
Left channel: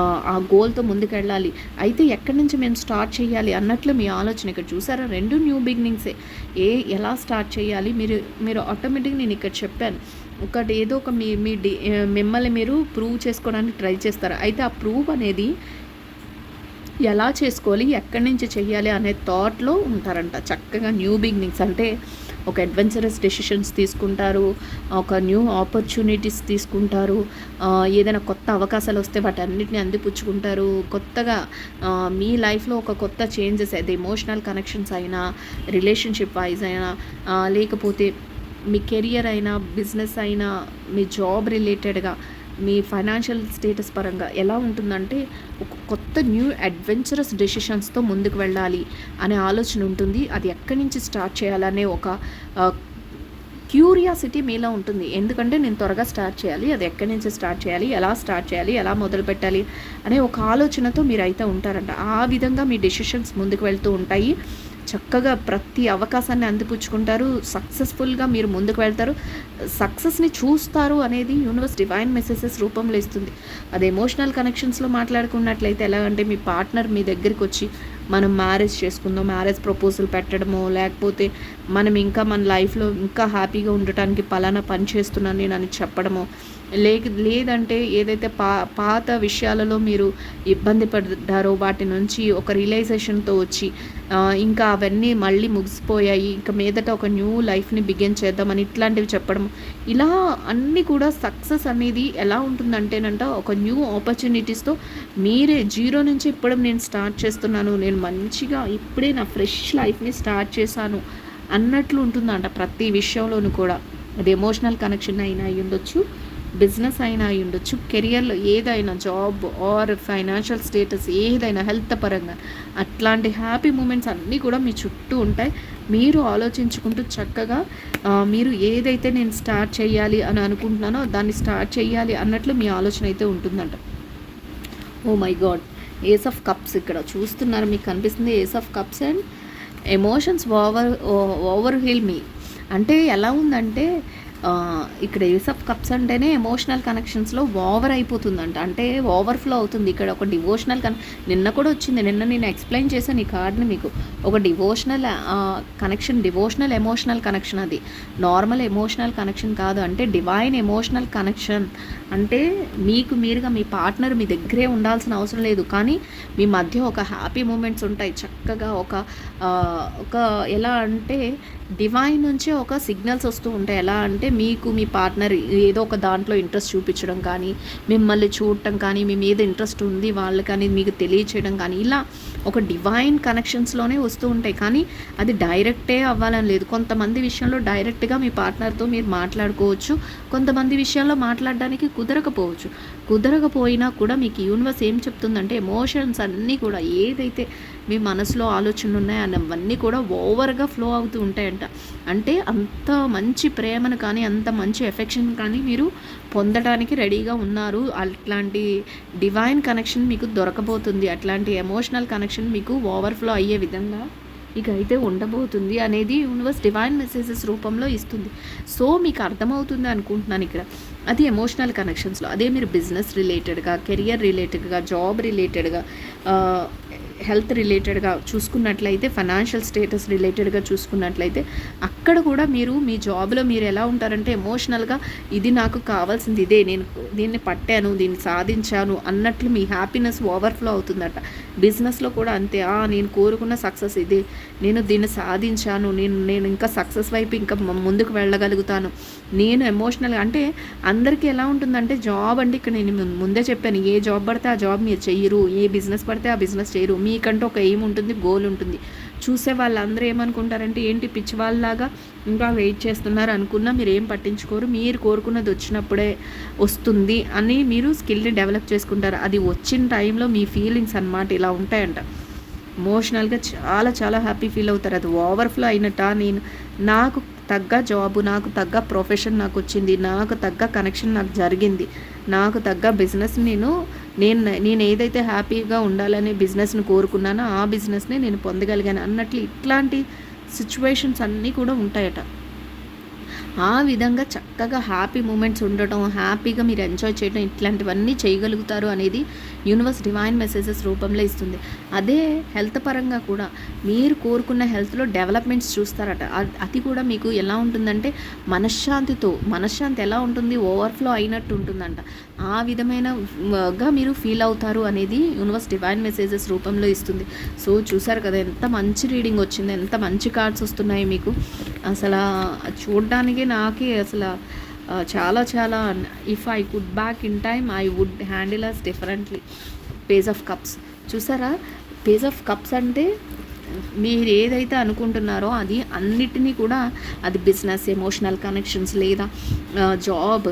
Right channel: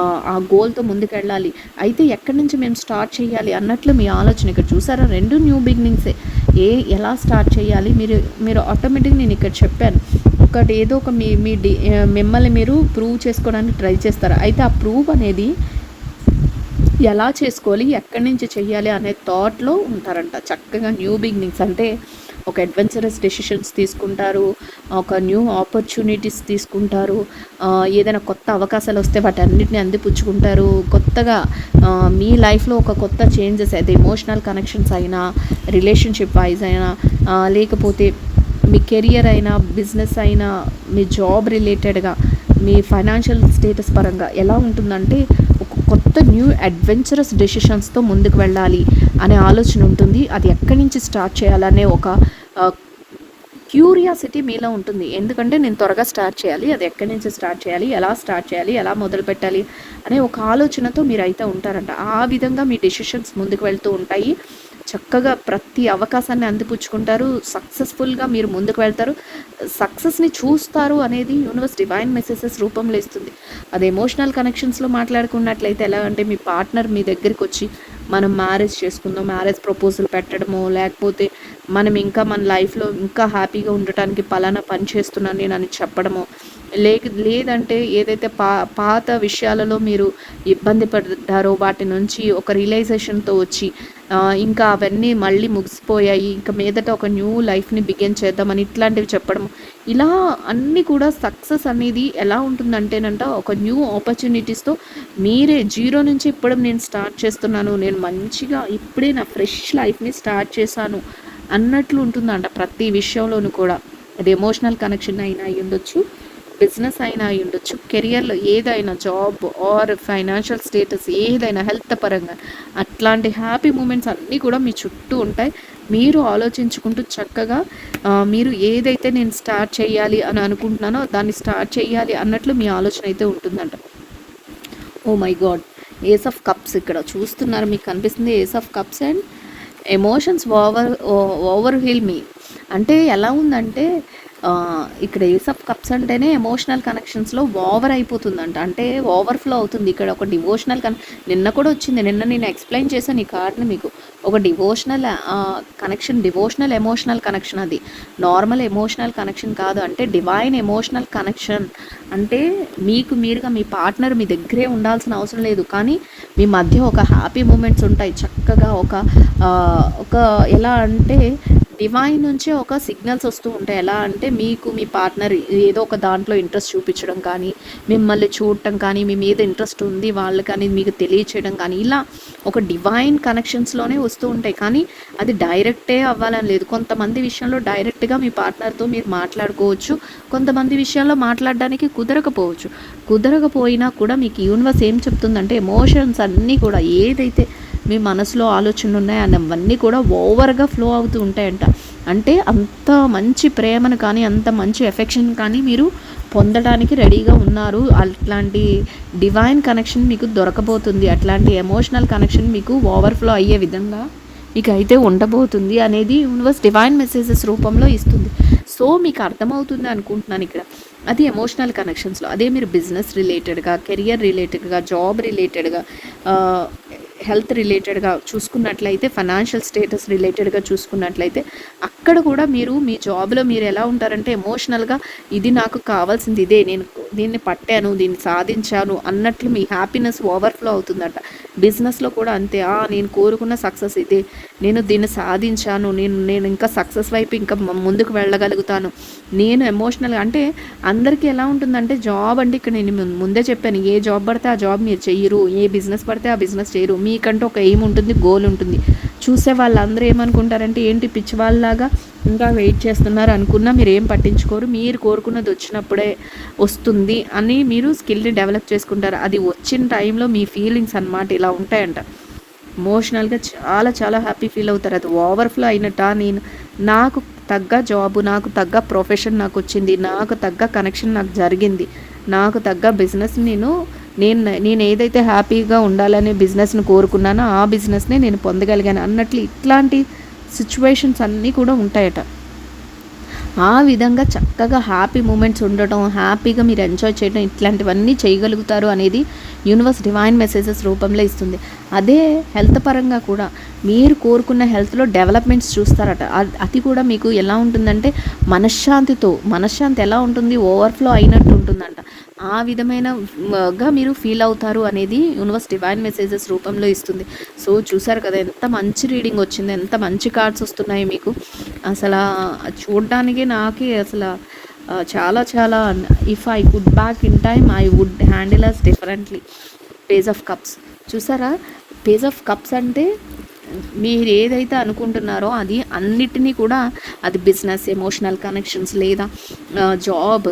గోల్తో ముందుకెళ్ళాలి. అయితే ఎక్కడి నుంచి మేము స్టార్ట్ చేయాలి అన్నట్లు మీ ఆలోచన. ఇక్కడ చూసారా? రెండు న్యూ బిగినింగ్సే ఏ. ఎలా స్టార్ట్ చేయాలి? మీరు మీరు ఆటోమేటిక్గా నేను ఇక్కడ చెప్పాను. ఒకటి ఏదో ఒక మీ మీ డి మిమ్మల్ని మీరు ప్రూవ్ చేసుకోవడానికి ట్రై చేస్తారు? అయితే ఆ ప్రూవ్ అనేది ఎలా చేసుకోవాలి ఎక్కడి నుంచి చెయ్యాలి అనే థాట్లో ఉంటారంట. చక్కగా న్యూ బిగినింగ్స్ అంటే ఒక అడ్వెంచరస్ డెసిషన్స్ తీసుకుంటారు ఒక న్యూ ఆపర్చునిటీస్ తీసుకుంటారు ఏదైనా కొత్త అవకాశాలు వస్తే వాటన్నిటిని అందిపుచ్చుకుంటారు. కొత్తగా మీ లైఫ్లో ఒక కొత్త చేంజెస్ అది ఎమోషనల్ కనెక్షన్స్ అయినా రిలేషన్షిప్ వైజ్ అయినా లేకపోతే మీ కెరియర్ అయినా బిజినెస్ అయినా మీ జాబ్ రిలేటెడ్గా మీ ఫైనాన్షియల్ స్టేటస్ పరంగా ఎలా ఉంటుందంటే ఒక కొత్త న్యూ అడ్వెంచరస్ డెసిషన్స్తో ముందుకు వెళ్ళాలి అనే ఆలోచన ఉంటుంది. అది ఎక్కడి నుంచి స్టార్ట్ చేయాలనే ఒక క్యూరియాసిటీ మీలో ఉంటుంది. ఎందుకంటే నేను త్వరగా స్టార్ట్ చేయాలి అది ఎక్కడి నుంచి స్టార్ట్ చేయాలి ఎలా స్టార్ట్ చేయాలి ఎలా మొదలు పెట్టాలి అనే ఒక ఆలోచనతో మీరు అయితే ఉంటారంట. ఆ విధంగా మీ డెసిషన్స్ ముందుకు వెళ్తూ ఉంటాయి. చక్కగా ప్రతి అవకాశాన్ని అందిపుచ్చుకుంటారు. సక్సెస్ఫుల్గా మీరు ముందుకు వెళ్తారు. సక్సెస్ని చూస్తారు అనేది యూనివర్స్ డివైన్ మెసేజెస్ రూపంలో ఇస్తుంది. అది ఎమోషనల్ కనెక్షన్స్లో మాట్లాడుకున్నట్లయితే ఎలా అంటే మీ పార్ట్నర్ మీ దగ్గరికి వచ్చి మనం మ్యారేజ్ చేసుకుందాం మ్యారేజ్ ప్రపోజల్ పెట్టడమో లేకపోతే మనం ఇంకా మన లైఫ్లో ఇంకా హ్యాపీగా ఉండటానికి పలానా పని చేస్తున్నాను నేను అని చెప్పడమో లేక లేదంటే ఏదైతే పా పాత విషయాలలో మీరు ఇబ్బంది పడ్డారో వాటి నుంచి ఒక రియలైజేషన్తో వచ్చి ఇంకా అవన్నీ మళ్ళీ ముగిసిపోయాయి. ఇంకా మీదట ఒక న్యూ లైఫ్ని బిగిన్ చేద్దామని ఇట్లాంటివి చెప్పడం. ఇలా అన్నీ కూడా సక్సెస్ అనేది ఎలా ఉంటుందంటేనంట ఒక న్యూ ఆపర్చునిటీస్తో మీరే జీరో నుంచి ఇప్పుడు నేను స్టార్ట్ చేస్తున్నాను. నేను మంచిగా ఇప్పుడే నా ఫ్రెష్ లైఫ్ని స్టార్ట్ చేశాను అన్నట్లు ఉంటుందంట ప్రతి విషయంలోనూ కూడా. అది ఎమోషనల్ కనెక్షన్ అయినా అయ్యి ఉండొచ్చు బిజినెస్ అయినా అయి ఉండొచ్చు కెరియర్లో ఏదైనా జాబ్ ఆర్ ఫైనాన్షియల్ స్టేటస్ ఏదైనా హెల్త్ పరంగా అట్లాంటి హ్యాపీ మూమెంట్స్ అన్నీ కూడా మీ చుట్టూ ఉంటాయి. మీరు ఆలోచించుకుంటూ చక్కగా మీరు ఏదైతే నేను స్టార్ట్ చేయాలి అని అనుకుంటున్నానో దాన్ని స్టార్ట్ చేయాలి అన్నట్లు మీ ఆలోచన అయితే ఉంటుందంట. ఓ my god! Ace of cups ఇక్కడ చూస్తున్నారు మీకు కనిపిస్తుంది ace of cups and emotions over overwhelm మీ. అంటే ఎలా ఉందంటే ఇక్కడ యూస్ ఆఫ్ కప్స్ అంటేనే ఎమోషనల్ కనెక్షన్స్లో ఓవర్ అయిపోతుందంట. అంటే ఓవర్ఫ్లో అవుతుంది. ఇక్కడ ఒక డివోషనల్ కన్ నిన్న కూడా వచ్చింది. నిన్న నేను ఎక్స్ప్లెయిన్ చేశాను ఈ కార్డ్ని మీకు. ఒక devotional connection devotional emotional connection అది. నార్మల్ ఎమోషనల్ కనెక్షన్ కాదు. అంటే డివైన్ ఎమోషనల్ కనెక్షన్ అంటే మీకు మీరుగా మీ పార్ట్నర్ మీ దగ్గరే ఉండాల్సిన అవసరం లేదు. కానీ మీ మధ్య ఒక హ్యాపీ మూమెంట్స్ ఉంటాయి. చక్కగా ఒక ఒక ఎలా అంటే డివైన్ నుంచే ఒక సిగ్నల్స్ వస్తూ ఉంటాయి. ఎలా అంటే మీకు మీ పార్ట్నర్ ఏదో ఒక దాంట్లో ఇంట్రెస్ట్ చూపించడం కానీ మిమ్మల్ని చూడటం కానీ మీ మీద ఇంట్రెస్ట్ ఉంది వాళ్ళు కానీ మీకు తెలియచేయడం కానీ ఇలా ఒక డివైన్ కనెక్షన్స్లోనే వస్తూ ఉంటాయి. కానీ అది డైరెక్టే అవ్వాలని లేదు. కొంతమంది విషయంలో డైరెక్ట్గా మీ పార్ట్నర్తో మీరు మాట్లాడుకోవచ్చు. కొంతమంది విషయాల్లో మాట్లాడడానికి కుదరకపోవచ్చు. కుదరకపోయినా కూడా మీకు యూనివర్స్ ఏం చెప్తుందంటే ఎమోషన్స్ అన్నీ కూడా ఏదైతే మీ మనసులో ఆలోచనలు ఉన్నాయి అవన్నీ కూడా ఓవర్గా ఫ్లో అవుతూ ఉంటాయంట. అంటే అంత మంచి ప్రేమను కానీ అంత మంచి ఎఫెక్షన్ కానీ మీరు పొందడానికి రెడీగా ఉన్నారు. అట్లాంటి డివైన్ కనెక్షన్ మీకు దొరకబోతుంది. అట్లాంటి ఎమోషనల్ కనెక్షన్ మీకు ఓవర్ఫ్లో అయ్యే విధంగా మీకు అయితే ఉండబోతుంది అనేది యూనివర్స్ డివైన్ మెసేజెస్ రూపంలో ఇస్తుంది. సో మీకు అర్థమవుతుంది అనుకుంటున్నాను ఇక్కడ. అది ఎమోషనల్ కనెక్షన్స్లో. అదే మీరు బిజినెస్ రిలేటెడ్గా కెరియర్ రిలేటెడ్గా జాబ్ రిలేటెడ్గా హెల్త్ రిలేటెడ్గా చూసుకున్నట్లయితే ఫైనాన్షియల్ స్టేటస్ రిలేటెడ్గా చూసుకున్నట్లయితే అక్కడ కూడా మీరు మీ జాబ్లో మీరు ఎలా ఉంటారంటే ఎమోషనల్గా ఇది నాకు కావాల్సింది ఇదే నేను దీన్ని పట్టాను దీన్ని సాధించాను అన్నట్లు మీ హ్యాపీనెస్ ఓవర్ఫ్లో అవుతుందట. బిజినెస్లో కూడా అంతే నేను కోరుకున్న సక్సెస్ ఇదే నేను దీన్ని సాధించాను నేను నేను ఇంకా సక్సెస్ వైపు ఇంకా ముందుకు వెళ్ళగలుగుతాను నేను ఎమోషనల్గా అంటే అందరికీ ఎలా ఉంటుందంటే జాబ్ అంటే ఇక్కడ నేను ముందే చెప్పాను ఏ జాబ్ పడితే ఆ జాబ్ మీరు చేయరు ఏ బిజినెస్ పడితే ఆ బిజినెస్ చేయరు. మీకంటే ఒక ఎయిమ్ ఉంటుంది గోల్ ఉంటుంది. చూసే వాళ్ళందరూ ఏమనుకుంటారంటే ఏంటి పిచ్చి వాళ్ళలాగా ఇంకా వెయిట్ చేస్తున్నారు అనుకున్నా మీరు ఏం పట్టించుకోరు మీరు కోరుకున్నది వచ్చినప్పుడే వస్తుంది అని మీరు స్కిల్ని డెవలప్ చేసుకుంటారు. అది వచ్చిన టైంలో మీ ఫీలింగ్స్ అన్నమాట ఇలా ఉంటాయంట. ఎమోషనల్గా చాలా చాలా హ్యాపీ ఫీల్ అవుతారు. అది ఓవర్ఫ్లో అయినట్ట? నేను నాకు తగ్గ జాబు నాకు తగ్గ ప్రొఫెషన్ నాకు వచ్చింది నాకు తగ్గ కనెక్షన్ నాకు జరిగింది నాకు తగ్గ బిజినెస్ నేను నేను నేను ఏదైతే హ్యాపీగా ఉండాలనే బిజినెస్ను కోరుకున్నానో ఆ బిజినెస్నే నేను పొందగలిగాను అన్నట్లు ఇట్లాంటి సిచ్యువేషన్స్ అన్నీ కూడా ఉంటాయట. ఆ విధంగా చక్కగా హ్యాపీ మూమెంట్స్ ఉండటం హ్యాపీగా మీరు ఎంజాయ్ చేయడం ఇట్లాంటివన్నీ చేయగలుగుతారు అనేది యూనివర్స్ డివైన్ మెసేజెస్ రూపంలో ఇస్తుంది. అదే హెల్త్ పరంగా కూడా మీరు కోరుకున్న హెల్త్లో డెవలప్మెంట్స్ చూస్తారట. అది కూడా మీకు ఎలా ఉంటుందంటే మనశ్శాంతితో మనశ్శాంతి ఎలా ఉంటుంది? ఓవర్ఫ్లో అయినట్టు ఉంటుందంట. ఆ విధమైనగా మీరు ఫీల్ అవుతారు అనేది యూనివర్స్ డివైన్ మెసేజెస్ రూపంలో ఇస్తుంది. సో చూసారు కదా ఎంత మంచి రీడింగ్ వచ్చింది ఎంత మంచి కార్డ్స్ వస్తున్నాయి మీకు. అసలు చూడడానికి నాకే అసలు చాలా చాలా if I could back in time I would handle us differently page of cups చూసారా? పేజ్ ఆఫ్ కప్స్ అంటే మీరు ఏదైతే అనుకుంటున్నారో అది అన్నిటినీ కూడా అది బిజినెస్ ఎమోషనల్ కనెక్షన్స్ లేదా జాబ్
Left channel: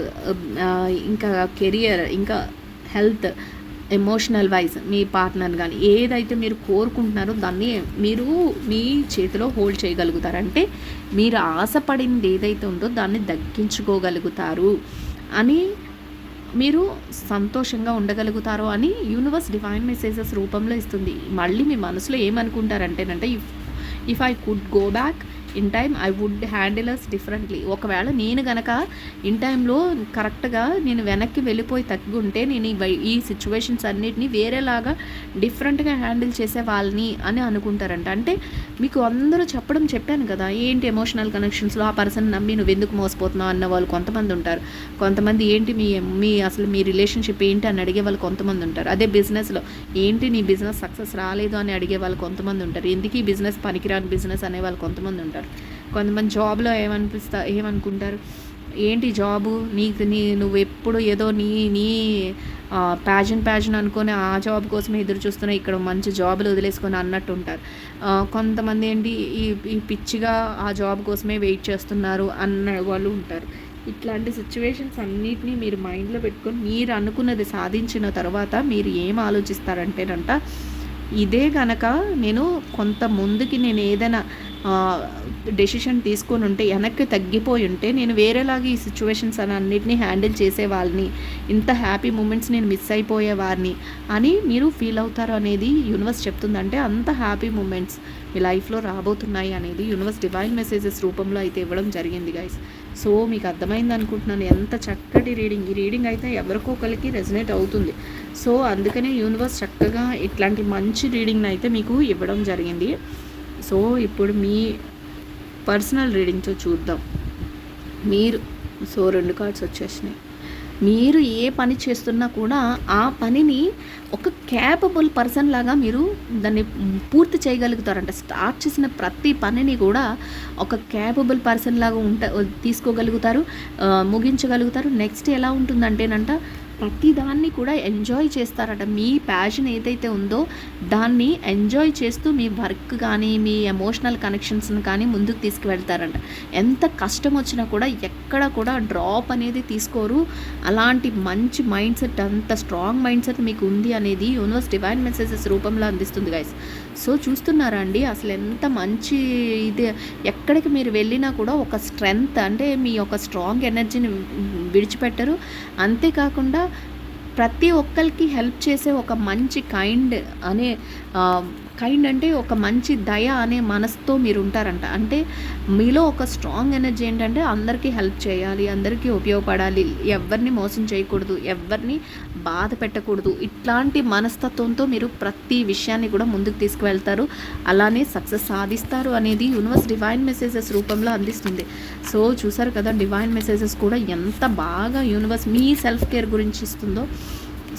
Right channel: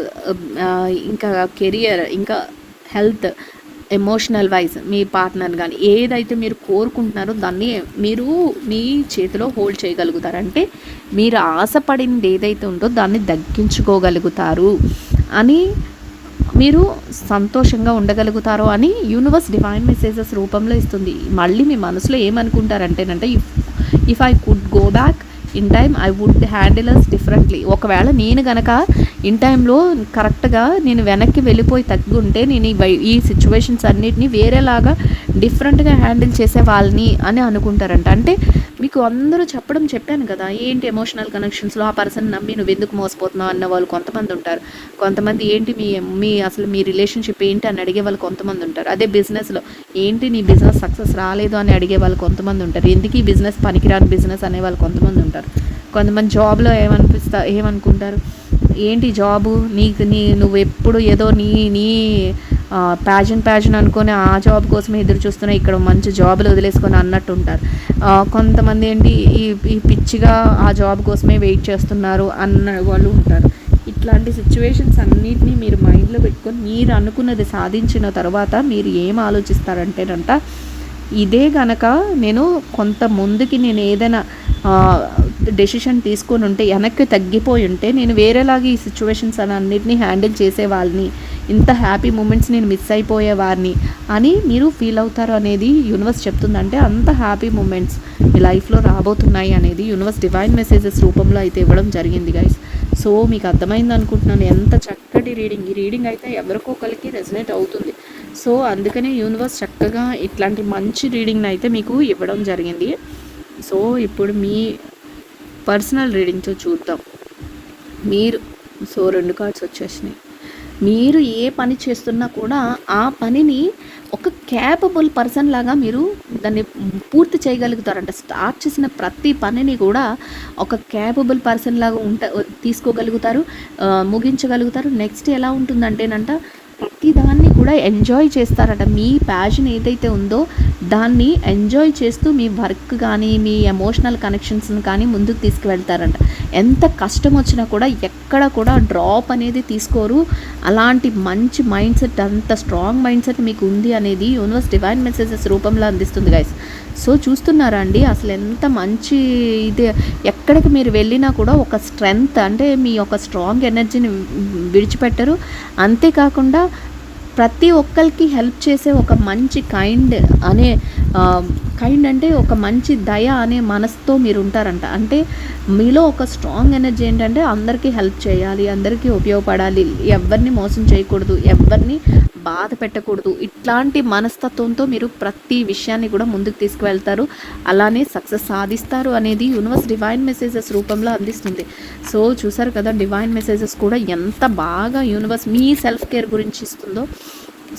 ఇంకా కెరియర్ ఇంకా హెల్త్ ఎమోషనల్ వైజ్ మీ పార్ట్నర్ కానీ ఏదైతే మీరు కోరుకుంటున్నారో దాన్ని మీరు మీ చేతిలో హోల్డ్ చేయగలుగుతారంటే మీరు ఆశపడింది ఏదైతే ఉందో దాన్ని దగ్గించుకోగలుగుతారు అని మీరు సంతోషంగా ఉండగలుగుతారో అని యూనివర్స్ డివైన్ మెసేజెస్ రూపంలో ఇస్తుంది. మళ్ళీ మీ మనసులో ఏమనుకుంటారంటేనంటే if if I could go back in time I would handle us differently ఒకవేళ నేను గనక ఇన్ టైంలో కరెక్ట్గా నేను వెనక్కి వెళ్ళిపోయి తగ్గుంటే నేను ఈ బై- ఈ సిచ్యువేషన్స్ అన్నిటిని వేరేలాగా డిఫరెంట్గా హ్యాండిల్ చేసే వాళ్ళని అని అనుకుంటారంట. అంటే మీకు అందరూ చెప్పడం చెప్పాను కదా ఏంటి ఎమోషనల్ కనెక్షన్స్లో ఆ పర్సన్ నమ్మి నువ్వు ఎందుకు మోసపోతున్నావు అన్న వాళ్ళు కొంతమంది ఉంటారు. కొంతమంది ఏంటి మీ మీ అసలు మీ రిలేషన్షిప్ ఏంటి అని అడిగే వాళ్ళు కొంతమంది ఉంటారు. అదే బిజినెస్లో ఏంటి నీ బిజినెస్ సక్సెస్ రాలేదు అని అడిగే వాళ్ళు కొంతమంది ఉంటారు. ఎందుకు ఈ బిజినెస్ పనికిరాని బిజినెస్ అనే వాళ్ళు కొంతమంది ఉంటారు. కొంతమంది జాబ్లో ఏమనిపిస్తా ఏమనుకుంటారు? ఏంటి జాబు? నీకు నీ నువ్వు ఎప్పుడు ఏదో నీ నీ ప్యాషన్ ప్యాషన్ అనుకొని ఆ జాబ్ కోసమే ఎదురు చూస్తున్నా ఇక్కడ మంచి జాబులు వదిలేసుకొని అన్నట్టు ఉంటారు. కొంతమంది ఏంటి ఈ ఈ పిచ్చిగా ఆ జాబ్ కోసమే వెయిట్ చేస్తున్నారు అన్న వాళ్ళు ఉంటారు. ఇట్లాంటి సిచ్యువేషన్స్ అన్నిటినీ మీరు మైండ్లో పెట్టుకొని మీరు అనుకున్నది సాధించిన తర్వాత మీరు ఏం ఆలోచిస్తారంటేనంట ఇదే కనుక నేను కొంత ముందుకి నేను ఏదైనా డెసిషన్ తీసుకొని ఉంటే వెనక్కి తగ్గిపోయి ఉంటే నేను వేరేలాగా ఈ సిచ్యువేషన్స్ అని అన్నిటినీ హ్యాండిల్ చేసేవాళ్ళని ఇంత హ్యాపీ మూమెంట్స్ నేను మిస్ అయిపోయేవారిని అని మీరు ఫీల్ అవుతారు అనేది యూనివర్స్ చెప్తుందంటే అంత హ్యాపీ మూమెంట్స్ మీ లైఫ్లో రాబోతున్నాయి అనేది యూనివర్స్ డివైన్ మెసేజెస్ రూపంలో అయితే ఇవ్వడం జరిగింది గైస్ సో మీకు అర్థమైంది అనుకుంటున్నాను ఎంత చక్కటి రీడింగ్ ఈ రీడింగ్ అయితే ఎవరికొకరికి రెజనేట్ అవుతుంది. సో అందుకనే యూనివర్స్ చక్కగా ఇట్లాంటి మంచి రీడింగ్ని అయితే మీకు ఇవ్వడం జరిగింది. సో ఇప్పుడు మీ పర్సనల్ రీడింగ్తో చూద్దాం. మీరు సో రెండు కార్డ్స్ వచ్చేసినాయి. మీరు ఏ పని చేస్తున్నా కూడా ఆ పనిని ఒక క్యాపబుల్ పర్సన్ లాగా మీరు దాన్ని పూర్తి చేయగలుగుతారంట. స్టార్ట్ చేసిన ప్రతి పనిని కూడా ఒక క్యాపబుల్ పర్సన్ లాగా ఉంట తీసుకోగలుగుతారు ముగించగలుగుతారు. నెక్స్ట్ ఎలా ఉంటుందంటేనంట ప్రతిదాన్ని కూడా ఎంజాయ్ చేస్తారట. మీ ప్యాషన్ ఏదైతే ఉందో దాన్ని ఎంజాయ్ చేస్తూ మీ వర్క్ కానీ మీ ఎమోషనల్ కనెక్షన్స్ని కానీ ముందుకు తీసుకువెళ్తారంట. ఎంత కష్టం వచ్చినా కూడా ఎక్కడ కూడా డ్రాప్ అనేది తీసుకోరు. అలాంటి మంచి మైండ్ సెట్ అంత స్ట్రాంగ్ మైండ్ సెట్ మీకు ఉంది అనేది యూనివర్స్ డివైన్ మెసేజెస్ రూపంలో అందిస్తుంది గైస్ సో చూస్తున్నారా అండి? అసలు ఎంత మంచి ఇది. ఎక్కడికి మీరు వెళ్ళినా కూడా ఒక స్ట్రెంగ్త్ అంటే మీ యొక్క స్ట్రాంగ్ ఎనర్జీని విడిచిపెట్టరు. అంతేకాకుండా ప్రతి ఒక్కరికి హెల్ప్ చేసే ఒక మంచి కైండ్ అనే కైండ్ అంటే ఒక మంచి దయ అనే మనసుతో మీరు ఉంటారంట. అంటే మీలో ఒక స్ట్రాంగ్ ఎనర్జీ ఏంటంటే అందరికీ హెల్ప్ చేయాలి అందరికీ ఉపయోగపడాలి ఎవరిని మోసం చేయకూడదు ఎవరిని బాధ పెట్టకూడదు. ఇట్లాంటి మనస్తత్వంతో మీరు ప్రతి విషయాన్ని కూడా ముందుకు తీసుకువెళ్తారు. అలానే సక్సెస్ సాధిస్తారు అనేది యూనివర్స్ డివైన్ మెసేజెస్ రూపంలో అందిస్తుంది. సో చూసారు కదా డివైన్ మెసేజెస్ కూడా ఎంత బాగా యూనివర్స్ మీ సెల్ఫ్ కేర్ గురించి ఇస్తుందో.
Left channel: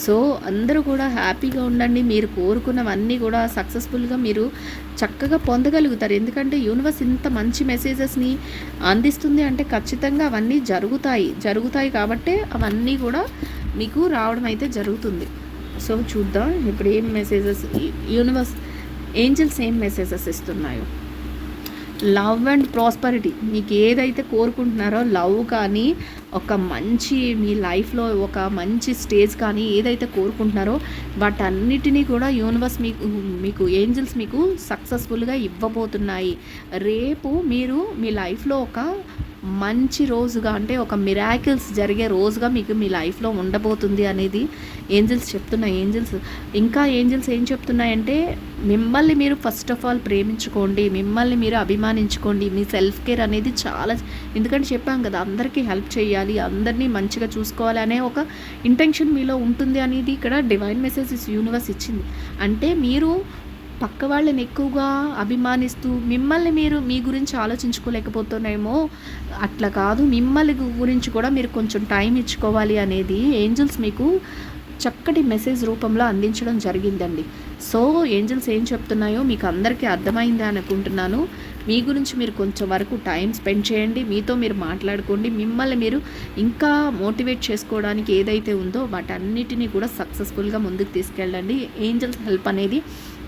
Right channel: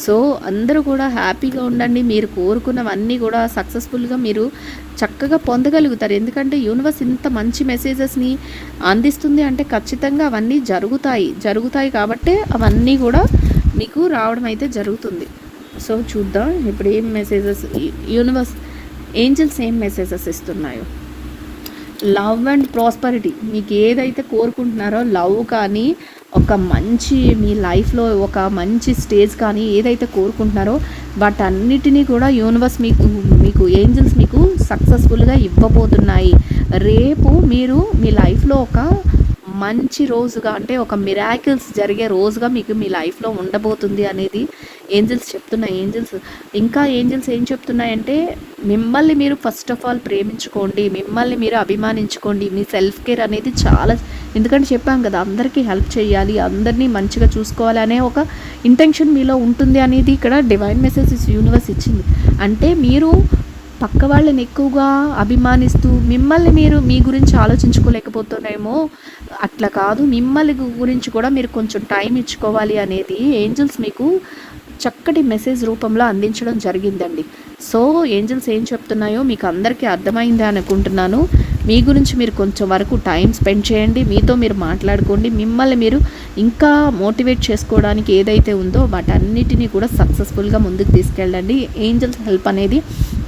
సో అందరూ కూడా హ్యాపీగా ఉండండి. మీరు కోరుకున్నవన్నీ కూడా సక్సెస్ఫుల్గా మీరు చక్కగా పొందగలుగుతారు. ఎందుకంటే యూనివర్స్ ఇంత మంచి మెసేజెస్ని అందిస్తుంది అంటే ఖచ్చితంగా అవన్నీ జరుగుతాయి. జరుగుతాయి కాబట్టే అవన్నీ కూడా మీకు రావడం అయితే జరుగుతుంది. సో చూద్దాం ఇప్పుడు ఏం మెసేజెస్ యూనివర్స్ ఏంజల్స్ ఏం మెసేజెస్ ఇస్తున్నాయో. Love and prosperity. మీకు ఏదైతే కోరుకుంటున్నారో లవ్ కానీ ఒక మంచి మీ లైఫ్లో ఒక మంచి స్టేజ్ కానీ ఏదైతే కోరుకుంటున్నారో వాటన్నిటినీ కూడా యూనివర్స్ మీకు మీకు ఏంజల్స్ మీకు సక్సెస్ఫుల్గా ఇవ్వబోతున్నాయి. రేపు మీరు మీ లైఫ్లో ఒక మంచి రోజుగా అంటే ఒక మిరాకిల్స్ జరిగే రోజుగా మీకు మీ లైఫ్లో ఉండబోతుంది అనేది ఏంజల్స్ చెప్తున్నాయి ఏంజల్స్. ఇంకా ఏంజల్స్ ఏం చెప్తున్నాయంటే మిమ్మల్ని మీరు ఫస్ట్ ఆఫ్ ఆల్ ప్రేమించుకోండి మిమ్మల్ని మీరు అభిమానించుకోండి మీ సెల్ఫ్ కేర్ అనేది చాలా ఎందుకంటే చెప్పాం కదా అందరికీ హెల్ప్ చేయాలి అందరినీ మంచిగా చూసుకోవాలి అనే ఒక ఇంటెన్షన్ మీలో ఉంటుంది అనేది ఇక్కడ డివైన్ మెసేజెస్ యూనివర్స్ ఇచ్చింది. అంటే మీరు పక్క వాళ్ళని ఎక్కువగా అభిమానిస్తూ మిమ్మల్ని మీరు మీ గురించి ఆలోచించుకోలేకపోతున్నామో అట్లా కాదు. మిమ్మల్ని గురించి కూడా మీరు కొంచెం టైం ఇచ్చుకోవాలి అనేది ఏంజల్స్ మీకు చక్కటి మెసేజ్ రూపంలో అందించడం జరిగిందండి. సో ఏంజల్స్ ఏం చెప్తున్నాయో మీకు అందరికీ అర్థమైంది అనుకుంటున్నాను. మీ గురించి మీరు కొంచెం వరకు టైం స్పెండ్ చేయండి. మీతో మీరు మాట్లాడుకోండి. మిమ్మల్ని మీరు ఇంకా మోటివేట్ చేసుకోవడానికి ఏదైతే ఉందో వాటన్నిటినీ కూడా సక్సెస్ఫుల్గా ముందుకు తీసుకెళ్ళండి. ఏంజల్స్ హెల్ప్ అనేది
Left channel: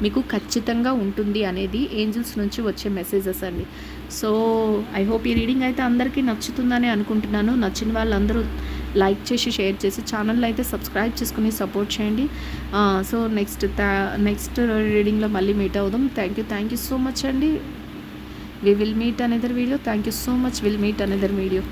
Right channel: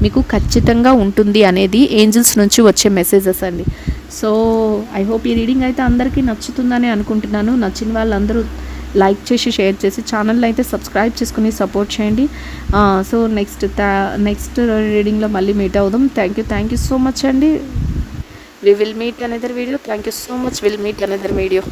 మీకు ఖచ్చితంగా ఉంటుంది అనేది ఏంజల్స్ నుంచి వచ్చే మెసేజెస్ అండి. సో ఐ హోప్ ఈ రీడింగ్ అయితే అందరికీ నచ్చుతుందని అనుకుంటున్నాను. నచ్చిన వాళ్ళందరూ లైక్ చేసి షేర్ చేసి ఛానల్ అయితే సబ్స్క్రైబ్ చేసుకుని సపోర్ట్ చేయండి. సో నెక్స్ట్ నెక్స్ట్ రీడింగ్లో మళ్ళీ మీట్ అవుదాం. Thank you thank you so much అండి. We will meet another video thank you so much will meet another video